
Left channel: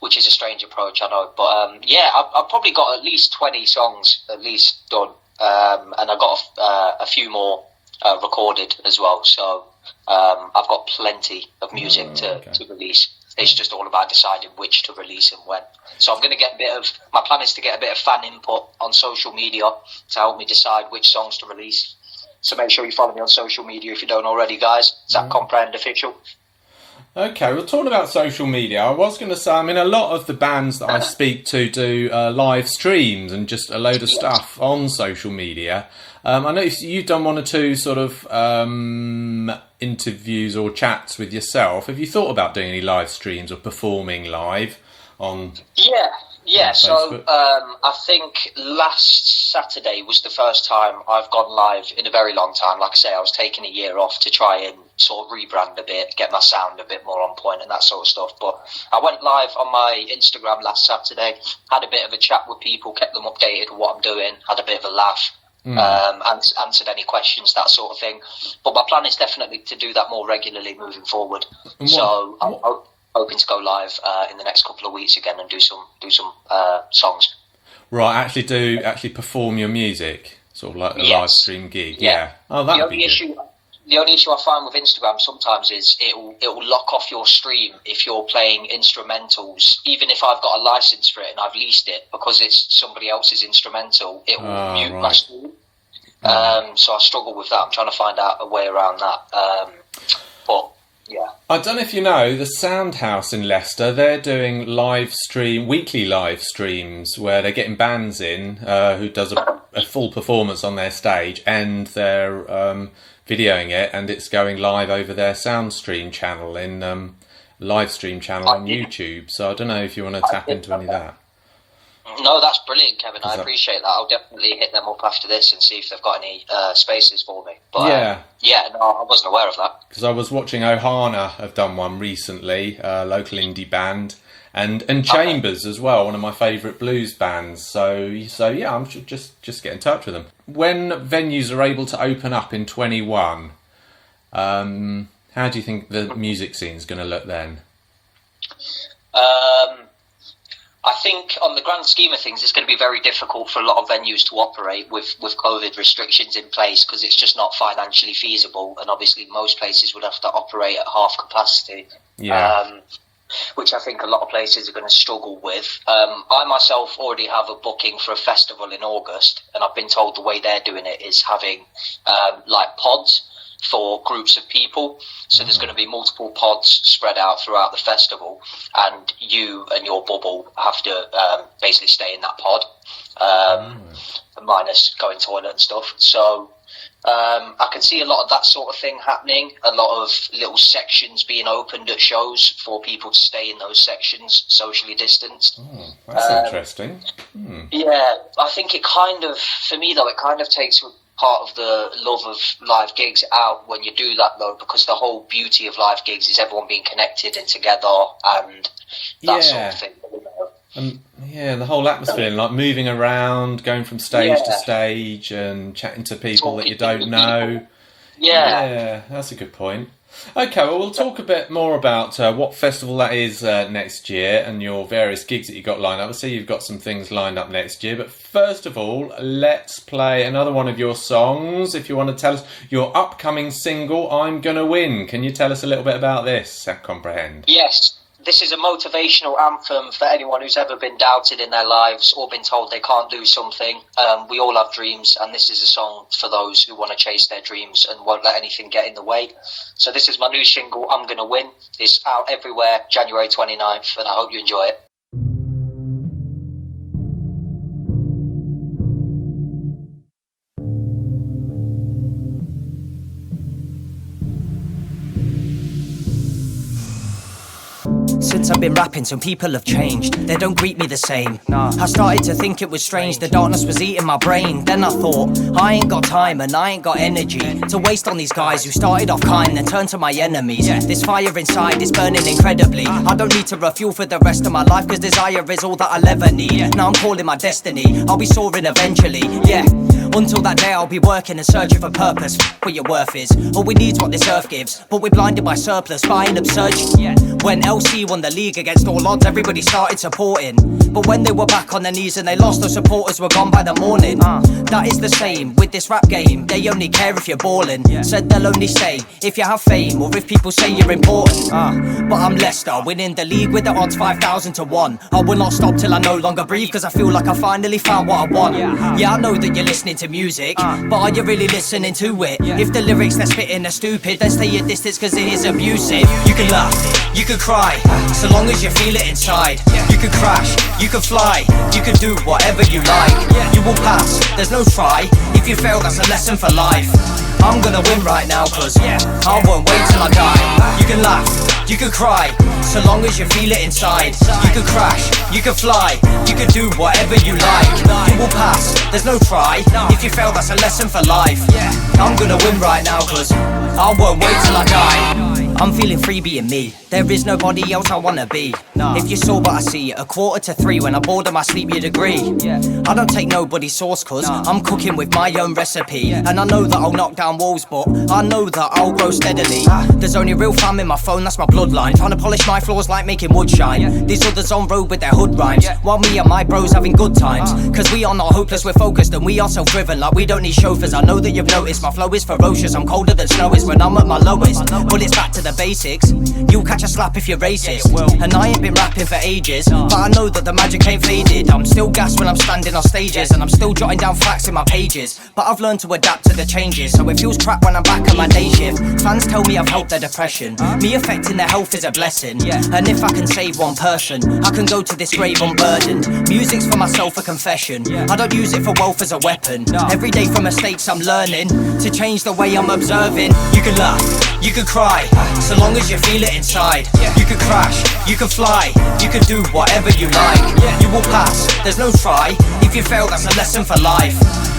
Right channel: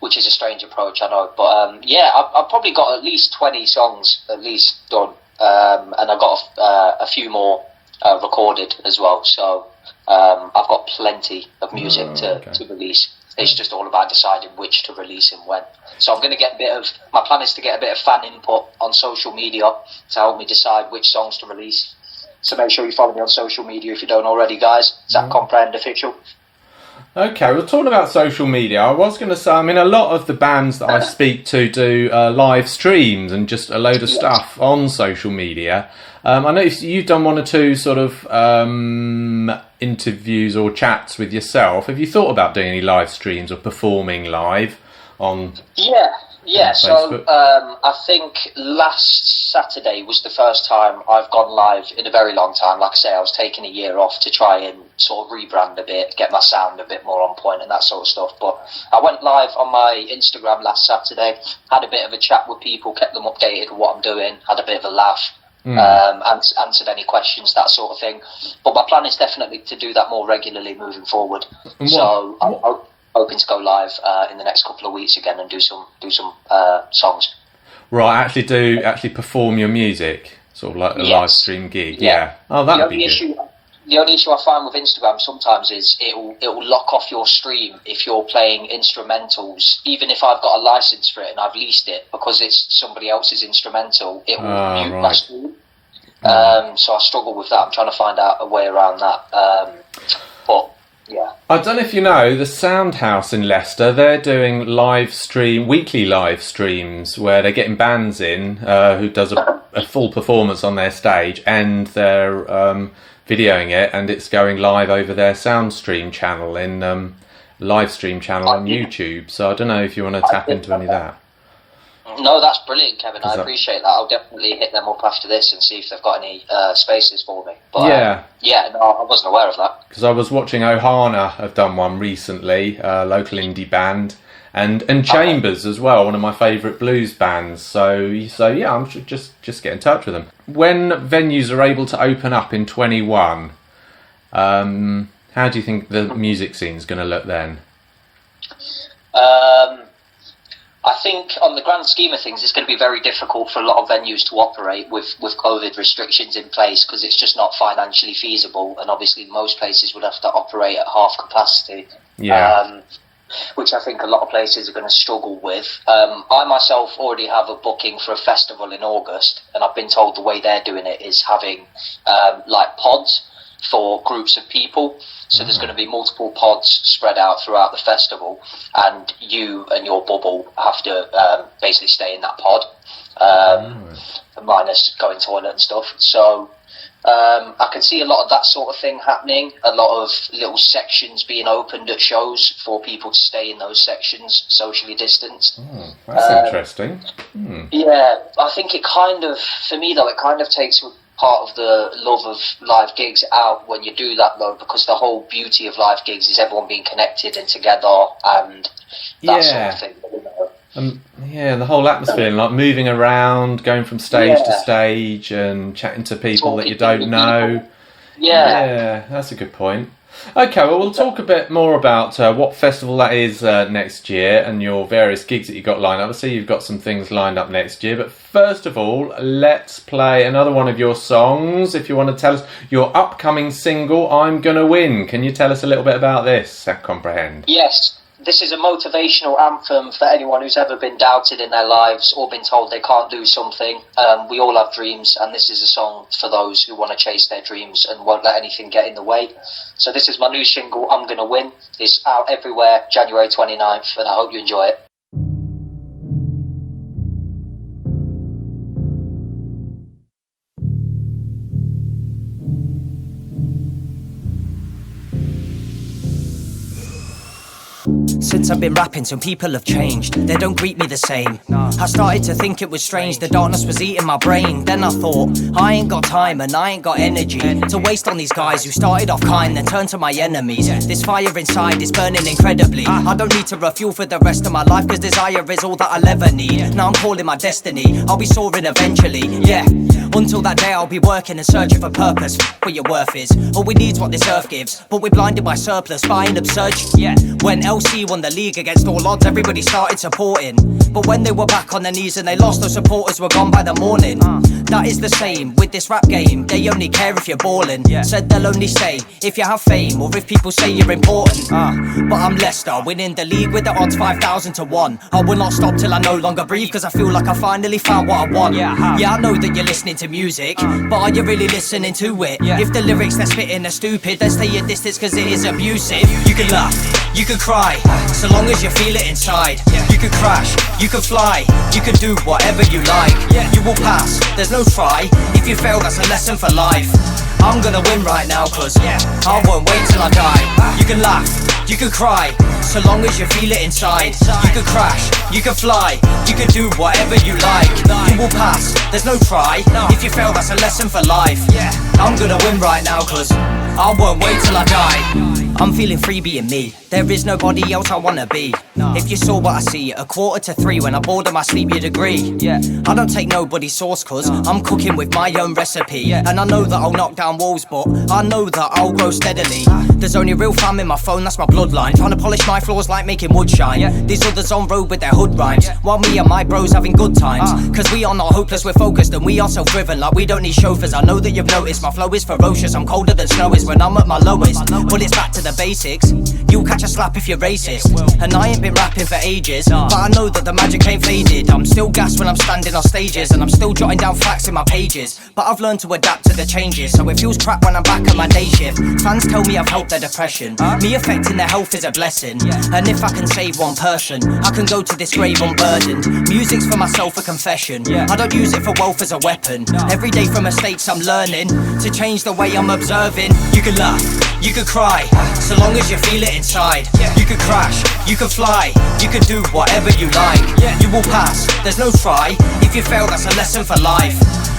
Which is a strange approach, I know. But yeah, I've probably got at least 20 songs at least done. And I've got a few more recorded as well. So I've got plenty of music to release. It's just all about deciding which to release and when. So I'm going to my plan is to get a bit of fan input on social media to help me decide which songs to release. So make sure you follow me on social media if you don't already, guys. It's at Comprehend Official. Okay, well, talking about social media, I was going to say, I mean, a lot of the bands that I speak to do live streams and just a load of stuff on social media. I noticed you've done one or two sort of interviews or chats with yourself. Have you thought about doing any live streams or performing live on? Yeah. So I think last Saturday was the first time I've gone live in a very long time. Like I say, I was taking a year off to try and sort of rebrand a bit, get my sound a bit more on point and that sort of stuff. But I went live on my Instagram last Saturday, had a bit of a chat with people, kept them updated with what I'm doing, had a bit of a laugh. Answered any questions, that sort of thing. But my plan is definitely to do that more regularly moving forward. So I'm hoping to go live in the next couple of weeks again and do some songs. Right, actually perform your music, sort of like a live stream gig. Yeah. Oh, that'd be good. The only issue I find with Instagram sometimes is it'll lock off your stream if you're playing instrumentals. Even if I've got a license for it and I've leased it, because it's somebody else's instrumental, it will mute my stream. So I struggle with that. I'm trying to find out a way around that. But yeah, I don't know if you know, the Soundhouse in Leicester, they're doing weekly live streams where they're getting bands in who does a full performance on their stage, and they're videoing it, and it's going live over their Soundstream channel on YouTube. So I don't know if you want to tap into any of that. No, that's brilliant, Kevin. I appreciate that. I'll definitely hit them up after this and see if they've got any spaces for me. But, no, I wasn't aware of that. Because I was watching Ohana have done one recently, local indie band, and Chambers as well, one of my favourite blues bands. So yeah, I'm just get in touch with them. When venues are able to open up in 21, how do you think the music scene's going to look then? I think on the grand scheme of things, it's going to be very difficult for a lot of venues to operate with COVID restrictions in place, because it's just not financially feasible. And obviously most places would have to operate at half capacity. Yeah. Which I think a lot of places are going to struggle with. I myself already have a booking for a festival in August, and I've been told the way they're doing it is having like pods for groups of people. So there's going to be multiple pods spread out throughout the festival, and you and your bubble have to basically stay in that pod, minus going toilet and stuff. So I can see a lot of that sort of thing happening, a lot of little sections being opened at shows for people to stay in those sections, socially distanced. That's interesting. Yeah, I think it kind of, for me though, it kind of takes part of the love of live gigs out when you do that though, because the whole beauty of live gigs is everyone being connected and together and that sort of thing, you know. Yeah, the whole atmosphere, like moving around, going from stage to stage and chatting to people that you don't know. Yeah, that's a good point. Okay, well, we'll talk a bit more about what festival that is next year and your various gigs that you've got lined up. I see you've got some things lined up next year, but first of all, let's play another one of your songs. If you want to tell us your upcoming single, I'm Gonna Win. Can you tell us a little bit about this, Comprehend? Yes. This is a motivational anthem for anyone who's ever been doubted in their lives or been told they can't do something. We all have dreams, and this is a song for those who want to chase their dreams and won't let anything get in the way. So this is my new single, I'm Gonna Win. It's out everywhere, January 29th, and I hope you enjoy it. Since I've been rapping, some people have changed. They don't greet me the same. I started to think it was strange. The darkness was eating my brain. Then I thought, I ain't got time and I ain't got energy to waste on these guys who started off kind then turned to my enemies. This fire inside is burning incredibly. I don't need to refuel for the rest of my life, cause desire is all that I'll ever need. Now I'm calling my destiny, I'll be soaring eventually. Yeah, until that day I'll be working and searching for purpose. What your worth is, all we need's what this earth gives. But we're blinded by surplus, buying absurd. When LC won the league against all odds, everybody started supporting. But when they were back on their knees and they lost, those supporters were gone by the morning. That is the same with this rap game. They only care if you're ballin'. Said they'll only stay if you have fame or if people say you're important. But I'm Leicester, winning the league with the odds 5,000 to 1. I will not stop till I no longer breathe, cause I feel like I finally found what I want. Yeah, I know that you're listening to music, but are you really listening to it? If the lyrics they're spitting are stupid, then stay at distance cause it is abusive. You can laugh, you can cry, so long as you feel it inside. You can crash, you can fly, you can do whatever you like. You will pass, there's no try. If you fail, that's a lesson for life. I'm gonna win right now cause I won't wait till I die. You can laugh, you can cry, so long as you feel it inside. You can crash, you can fly, you can do whatever you like. You will pass, there's no try. If you fail, that's a lesson for life. I'm gonna win right now cause I won't wait till I die. I'm feeling free being me. There is nobody else I wanna be. If you saw what I see at 2:45 when I'm bored of my sleep, you'd agree. I don't take nobody's sauce cause I'm cooking with my own recipe. And I know that I'll knock down walls, but I know that I'll grow steadily. There's only real fam in my phone, that's my bloodline. Trying to polish my floors like making wood shine. These others on road with their hood rhymes, while me and my bros having good times. Cause we are not hopeless, we're focused and we are self-driven. Like we don't need chauffeurs, I know that you've noticed. My flow is ferocious, I'm colder than snow is when I'm at my lowest. But it's back to the basics. You'll catch a slap if you're racist. And I ain't been rapping for ages, but I know that the magic ain't faded. I'm still gassed when I'm standing on stages, and I'm still jotting down facts in my pages. But I've learned to adapt to the changes, so it feels crap when I'm back on my day shift. Fans tell me I've helped their depression. Me affecting their health is a blessing. And if I can save one person, I can go to this grave unburdened. Music's for myself a confession. I don't use it for wealth as a weapon. Every day from mistakes I'm learning to change the way I'm observing. You can laugh, you can cry, so long as you feel it inside. You can crash, you can fly, you can do whatever you like. You will pass, there's no try. If you fail, that's a lesson for life.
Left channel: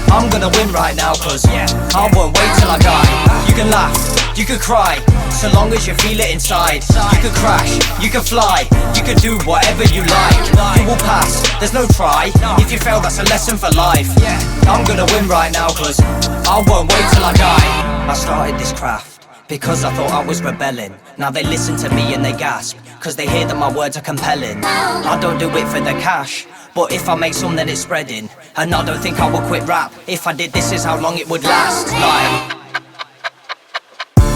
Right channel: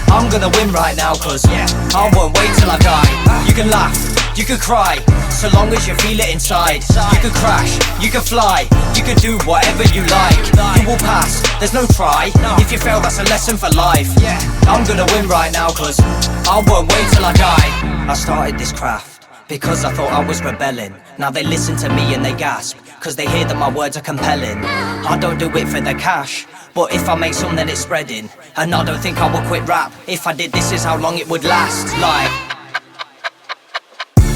I'm gonna win right now cause I won't wait till I die. You can laugh, you could cry, so long as you feel it inside. You could crash, you could fly, you could do whatever you like. You will pass, there's no try. If you fail, that's a lesson for life. I'm gonna win right now, cause I won't wait till I die. I started this craft because I thought I was rebelling. Now they listen to me and they gasp, cause they hear that my words are compelling. I don't do it for the cash, but if I make some then it's spreading. And I don't think I would quit rap. If I did, this is how long it would last. Like,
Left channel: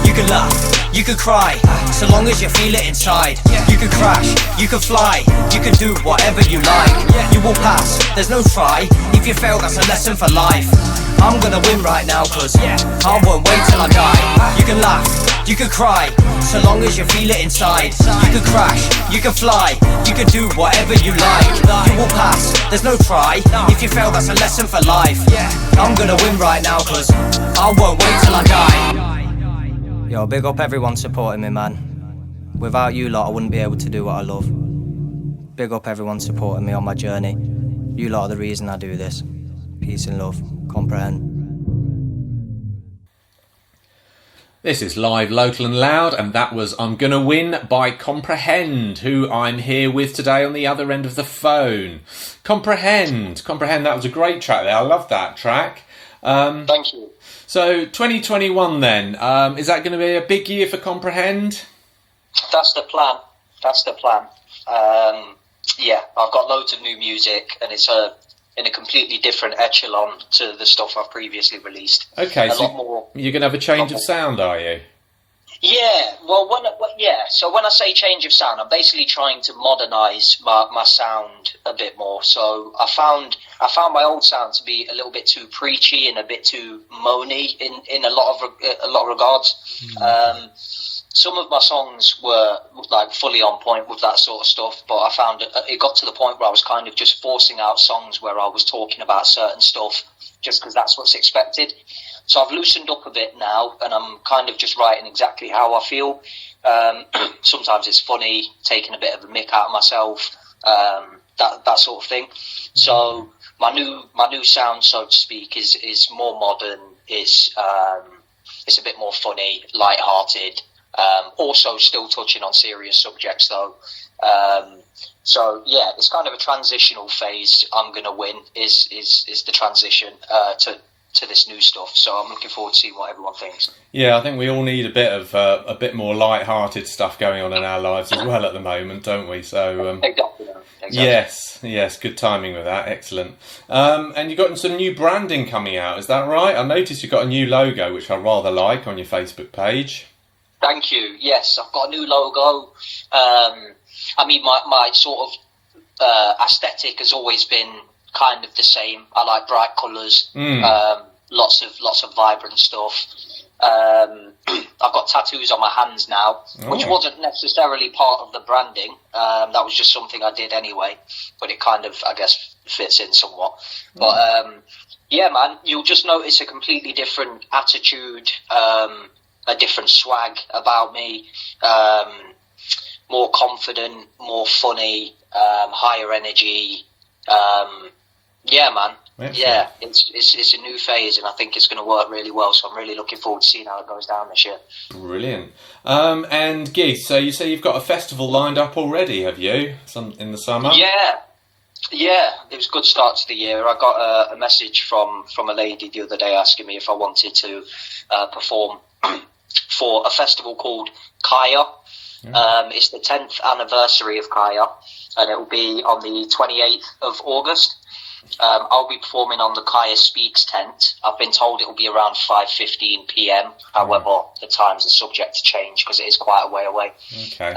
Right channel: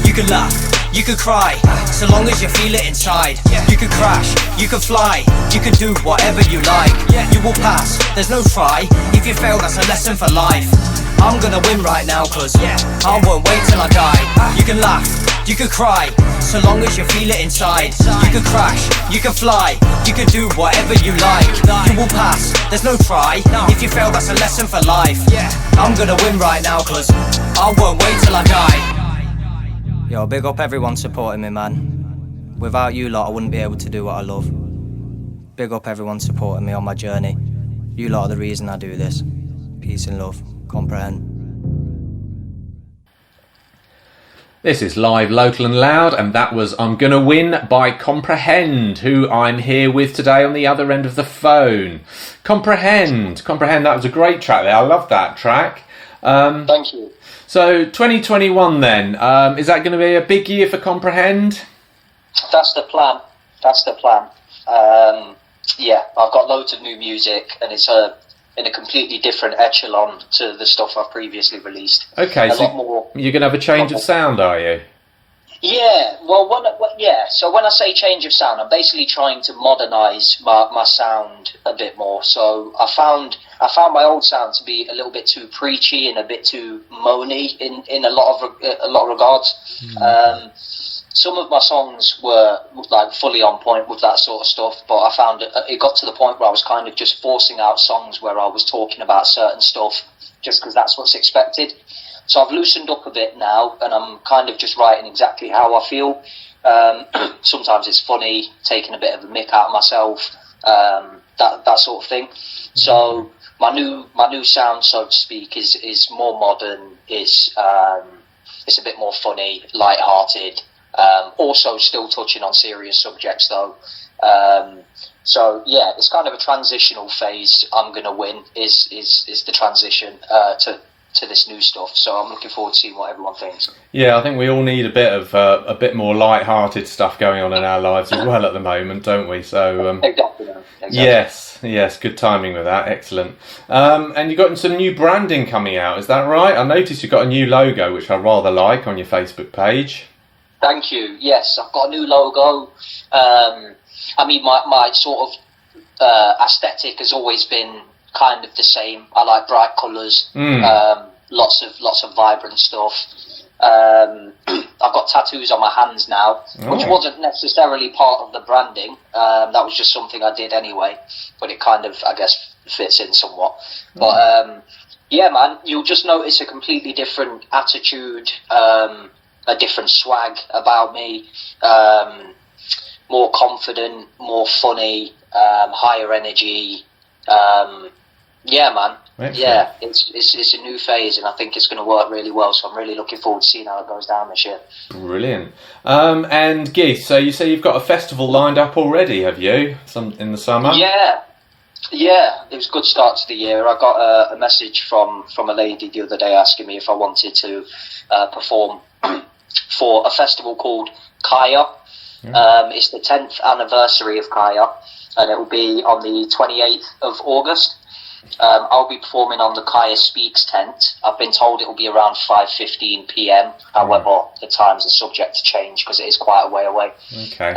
you could laugh, you could cry, so long as you feel it inside. You could crash, you could fly, you could do whatever you like. You will pass, there's no try. If you fail, that's a lesson for life. I'm gonna win right now, cause I won't wait till I die. You can laugh, you could cry, so long as you feel it inside. You could crash, you could fly, you could do whatever you like. You will pass, there's no try. If you fail, that's a lesson for life. I'm gonna win right now, cause I won't wait till I die. Yo, big up everyone supporting me, man. Without you lot, I wouldn't be able to do what I love. Big up everyone supporting me on my journey. You lot are the reason I do this. Peace and love. Comprehend. This is Live, Local and Loud, and that was I'm Gonna Win by Comprehend, who I'm here with today on the other end of the phone. Comprehend, that was a great track there. I love that track. Thank you. So 2021 then, is that going to be a big year for Comprehend? That's the plan. Yeah, I've got loads of new music, and it's in a completely different echelon to the stuff I've previously released. Okay, so you're going to have a change of sound, are you? Yeah, so when I say change of sound, I'm basically trying to modernise my sound a bit more. So I found my old sound to be a little bit too preachy and a bit too moany in a lot of regards. Some of my songs were like fully on point with that sort of stuff, but I found it got to the point where I was kind of just forcing out songs where I was talking about certain stuff just because that's what's expected. So I've loosened up a bit now, and I'm kind of just writing exactly how I feel. Sometimes it's funny, taking a bit of a mick out of myself, that sort of thing. So my new sound, so to speak, is more modern. It's a bit more funny, light-hearted. Also, still touching on serious subjects though. So yeah, it's kind of a transitional phase. I'm Gonna Win is the transition to this new stuff, so I'm looking forward to seeing what everyone thinks. Yeah, I think we all need a bit more light-hearted stuff going on in our lives as well at the moment, don't we? So Exactly. Yes, good timing with that. Excellent. And you've got some new branding coming out, is that right? I noticed you've got a new logo, which I rather like, on your Facebook page. Thank you. Yes, I've got a new logo. I mean, my sort of aesthetic has always been kind of the same. I like bright colours, lots of vibrant stuff. I've got tattoos on my hands now, which wasn't necessarily part of the branding. That was just something I did anyway, but it kind of, I guess, fits in somewhat. But yeah, man, you'll just notice a completely different attitude, a different swag about me, more confident, more funny, higher energy. Yeah, man. Excellent. Yeah, it's a new phase, and I think it's going to work really well. So I'm really looking forward to seeing how it goes down this year. Brilliant. And Geese, so you say you've got a festival lined up already, have you? In the summer? Yeah. It was a good start to the year. I got a message from a lady the other day asking me if I wanted to perform for a festival called Kaya. It's the 10th anniversary of Kaya, and it will be on the 28th of August. I'll be performing on the Kaya Speaks tent. I've been told it will be around 5:15 p.m. However, the times are subject to change because it is quite a way away. Okay.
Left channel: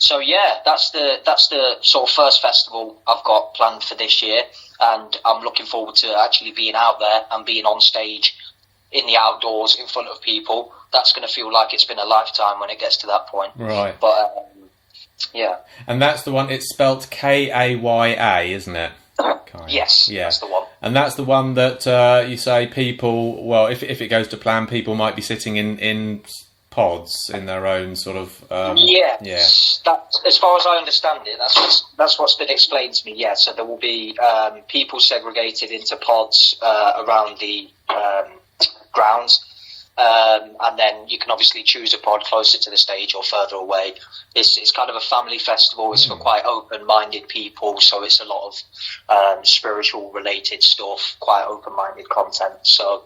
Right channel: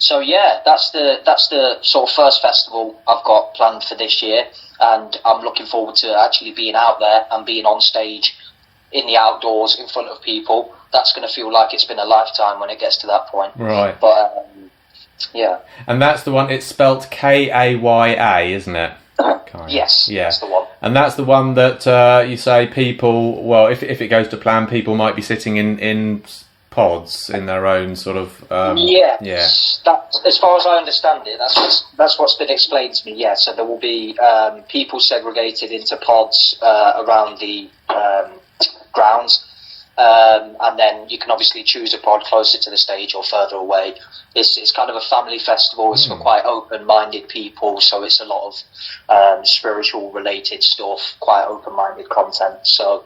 So yeah, that's the sort of first festival I've got planned for this year, and I'm looking forward to actually being out there and being on stage in the outdoors in front of people. That's going to feel like it's been a lifetime when it gets to that point. Right. But yeah. And that's the one. It's spelt Kaya, isn't it? Yes, yeah. That's the one. And that's the one that you say people, well, if it goes to plan, people might be sitting in pods in their own sort of... Yeah. That, as far as I understand it, that's what's been explained to me, yeah. So there will be people segregated into pods around the grounds. and then you can obviously choose a pod closer to the stage or further away. It's kind of a family festival. It's for quite open-minded people, so it's a lot of spiritual-related stuff, quite open-minded content. So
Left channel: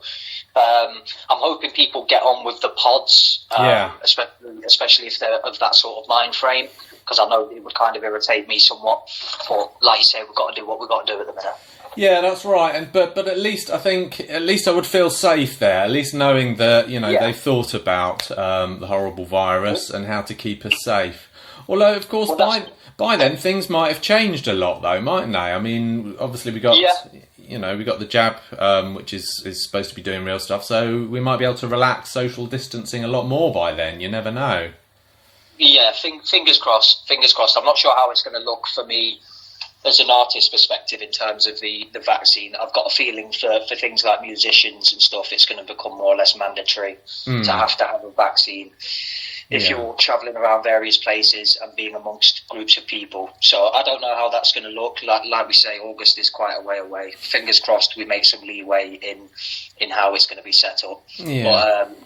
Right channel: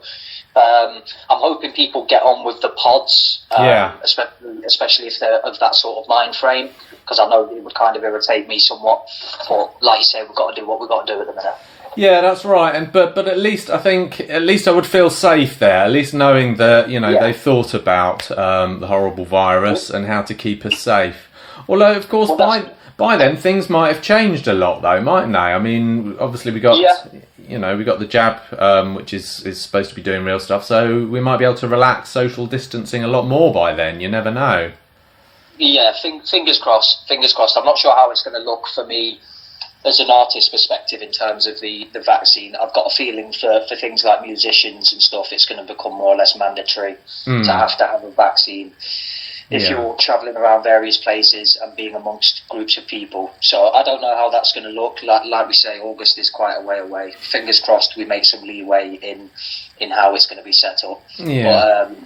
I'm hoping people get on with the pods, especially if they're of that sort of mind frame, because I know it would kind of irritate me somewhat. But like you say, we've got to do what we've got to do at the minute. Yeah, that's right. And but at least I think I would feel safe there. At least knowing that they've thought about the horrible virus and how to keep us safe. Although of course by then things might have changed a lot, though, mightn't they? I mean, obviously we got we got the jab, which is supposed to be doing real stuff. So we might be able to relax social distancing a lot more by then. You never know. Yeah, fingers crossed. Fingers crossed. I'm not sure how it's going to look for me as an artist perspective in terms of the vaccine. I've got a feeling for things like musicians and stuff, it's going to become more or less mandatory to have a vaccine if you're travelling around various places and being amongst groups of people. So I don't know how that's going to look. Like we say, August is quite a way away. Fingers crossed we make some leeway in how it's going to be set up. Yeah. But,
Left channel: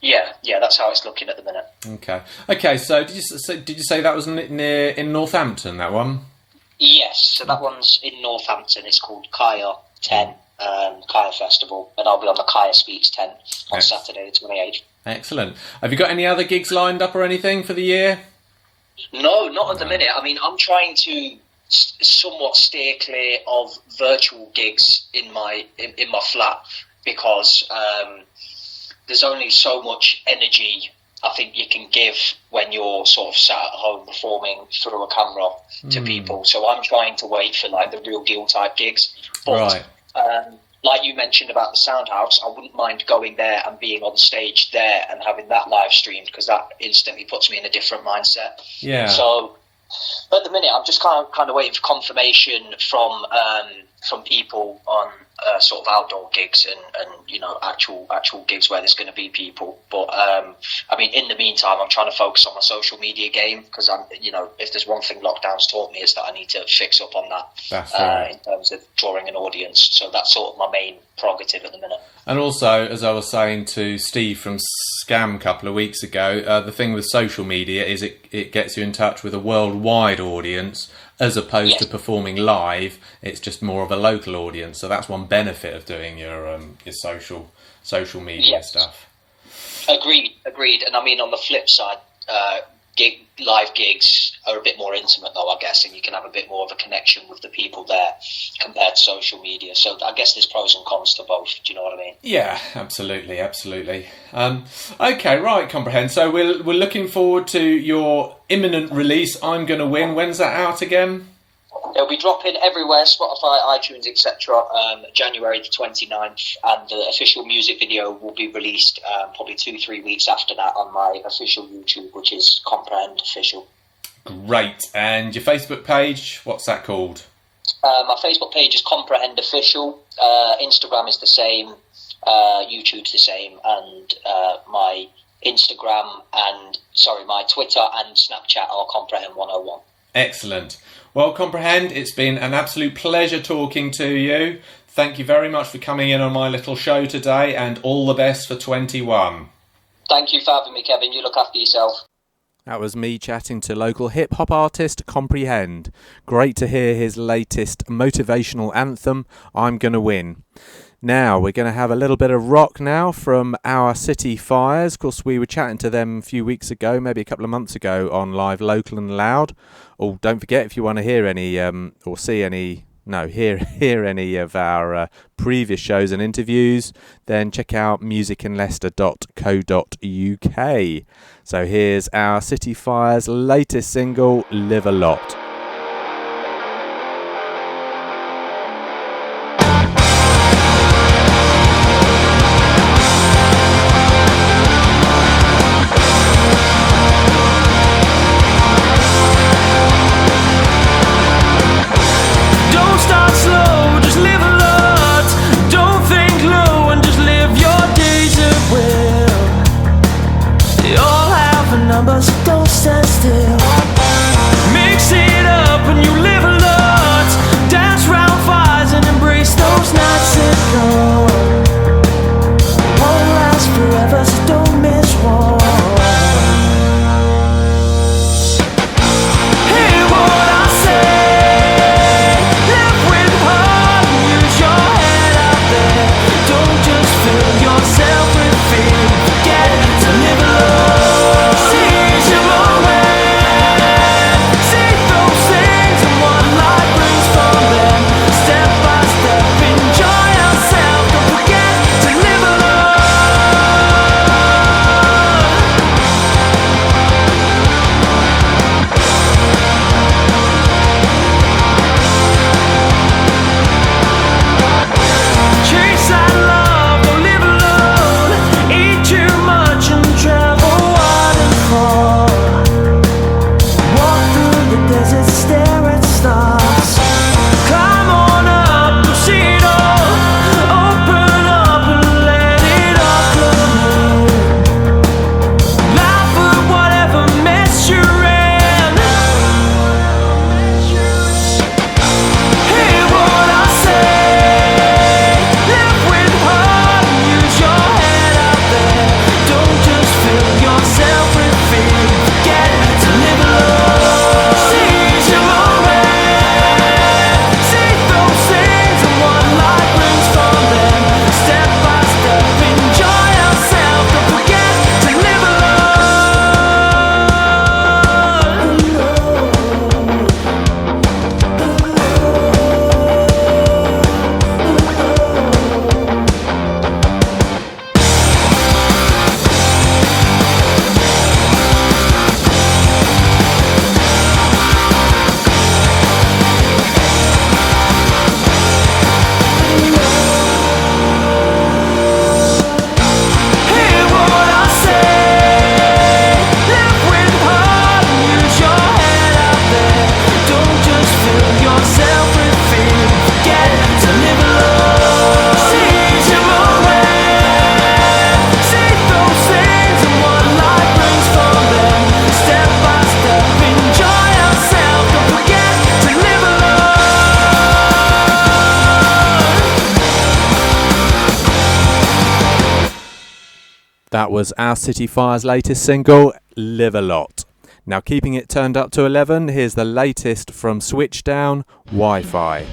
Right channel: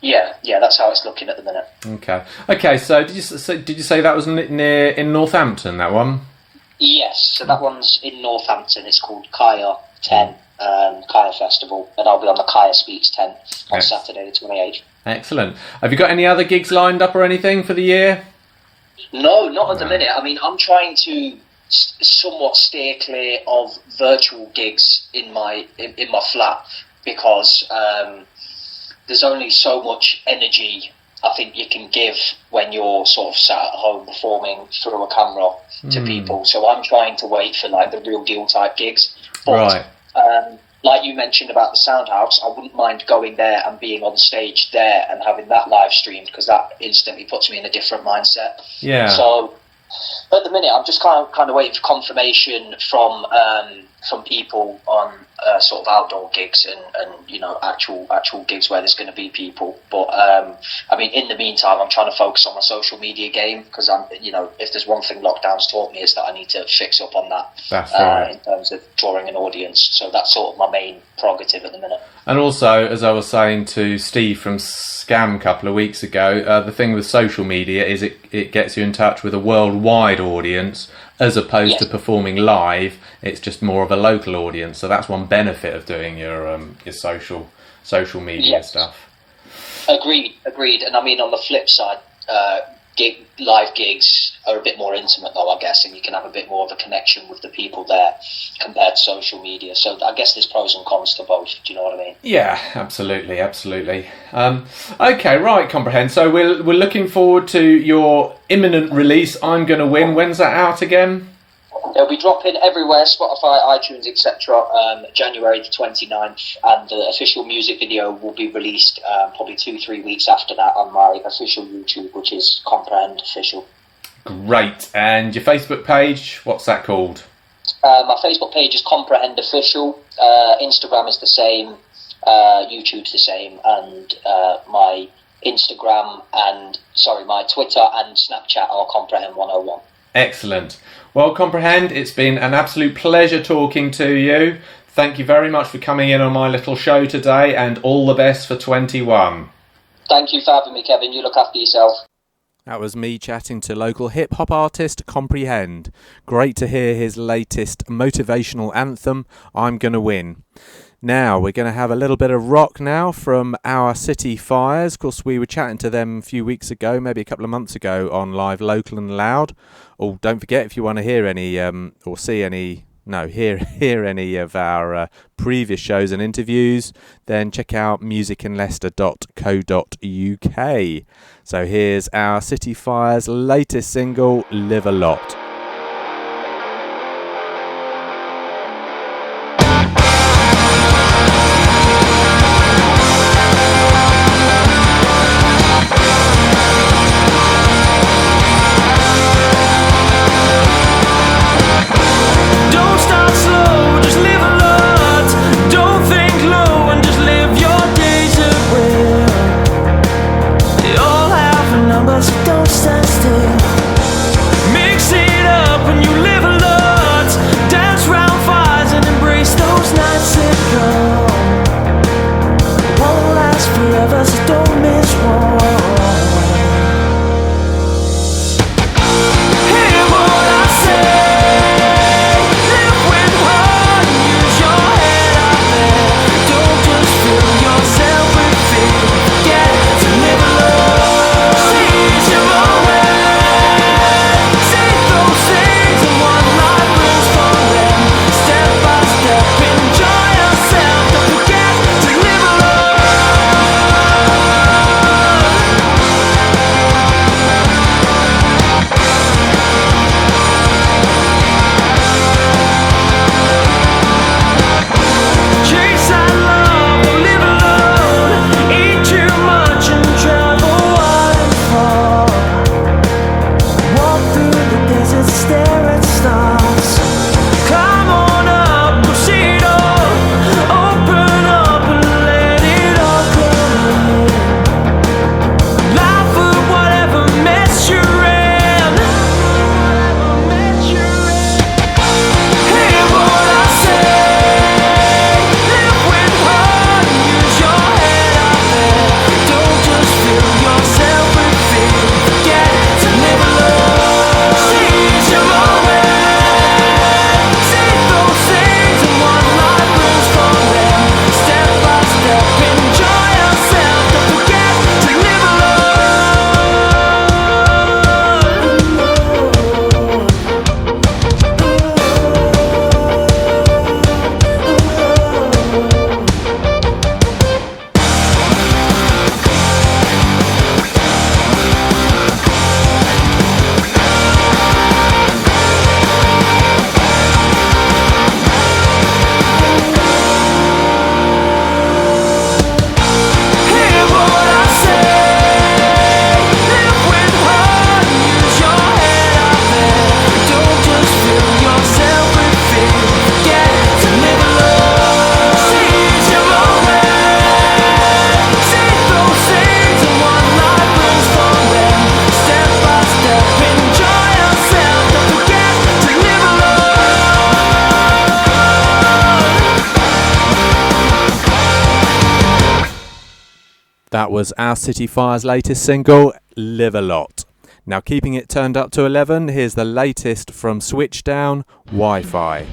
yeah, that's how it's looking at the minute. Okay. So did you say that was in Northampton, that one? Yes, so that one's in Northampton. It's called Kaya 10, Kaya Festival, and I'll be on the Kaya Speaks 10 on Saturday the 28th. Excellent. Have you got any other gigs lined up or anything for the year? No, not at the minute. I mean, I'm trying to somewhat steer clear of virtual gigs in my flat because there's only so much energy I think you can give when you're sort of sat at home performing through a camera to people. So I'm trying to wait for like the real deal type gigs. But, like you mentioned about the Soundhouse, I wouldn't mind going there and being on stage there and having that live streamed because that instantly puts me in a different mindset. Yeah. So at the minute, I'm just kind of waiting for confirmation from people on sort of outdoor gigs and actual gigs where there's going to be people. But I mean, in the meantime, I'm trying to focus on my social media game because if there's one thing lockdown's taught me is that I need to fix up on that. That's right. In terms of drawing an audience. So that's sort of my main prerogative at the minute. And also, as I was saying to Steve from Scam a couple of weeks ago, the thing with social media is it gets you in touch with a worldwide audience as opposed to performing live. It's just more of a local audience. So that's one benefit of doing your social media stuff. Agreed. And I mean, on the flip side, live gigs are a bit more intimate though, I guess, and you can have a bit more of a connection with the people there compared to social media. So I guess there's pros and cons to both. Do you know what I mean? Yeah, absolutely. Okay, right, Comprehend. So we're looking forward to your imminent release, I'm Gonna Win. When's that out again? They'll be dropping everywhere, Spotify, iTunes, etc. January the 29th, and the official music video will be released probably 2-3 weeks after that on my official YouTube, which is Comprehend Official. Great. And your Facebook page, what's that called? My Facebook page is Comprehend Official. Instagram is the same. YouTube's the same. And my Twitter and Snapchat are Comprehend 101. Excellent. Well, Comprehend, it's been an absolute pleasure talking to you. Thank you very much for coming in on my little show today, and all the best for 21. Thank you for having me, Kevin. You look after yourself. That was me chatting to local hip-hop artist Comprehend. Great to hear his latest motivational anthem, I'm Gonna Win. Now, we're going to have a little bit of rock now from Our City Fires. Of course, we were chatting to them a few weeks ago, maybe a couple of months ago, on Live Local and Loud. Oh, don't forget, if you want to hear any, or see any, hear any of our previous shows and interviews, then check out musicinleicester.co.uk. So here's Our City Fires' latest single, Live a Lot. Don't stand still. Mix it up and you live a lot. Dance round fires and embrace those nights that come. Won't last forever. That was Our City Fire's latest single, Live a Lot. Now keeping it turned up to 11, here's the latest from Switchdown, Wi-Fi.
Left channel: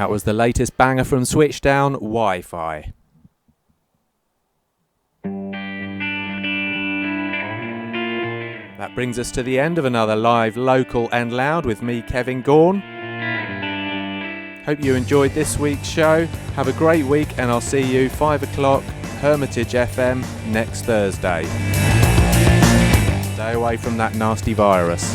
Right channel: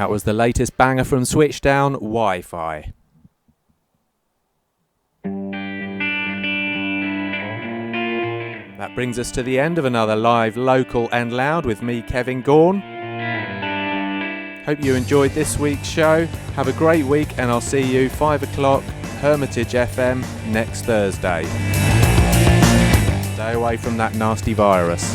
That was the latest banger from Switchdown, Wi-Fi. That brings us to the end of another live, local and loud with me, Kevin Gaughan. Hope you enjoyed this week's show. Have a great week and I'll see you 5 o'clock, Hermitage FM, next Thursday. Stay away from that nasty virus.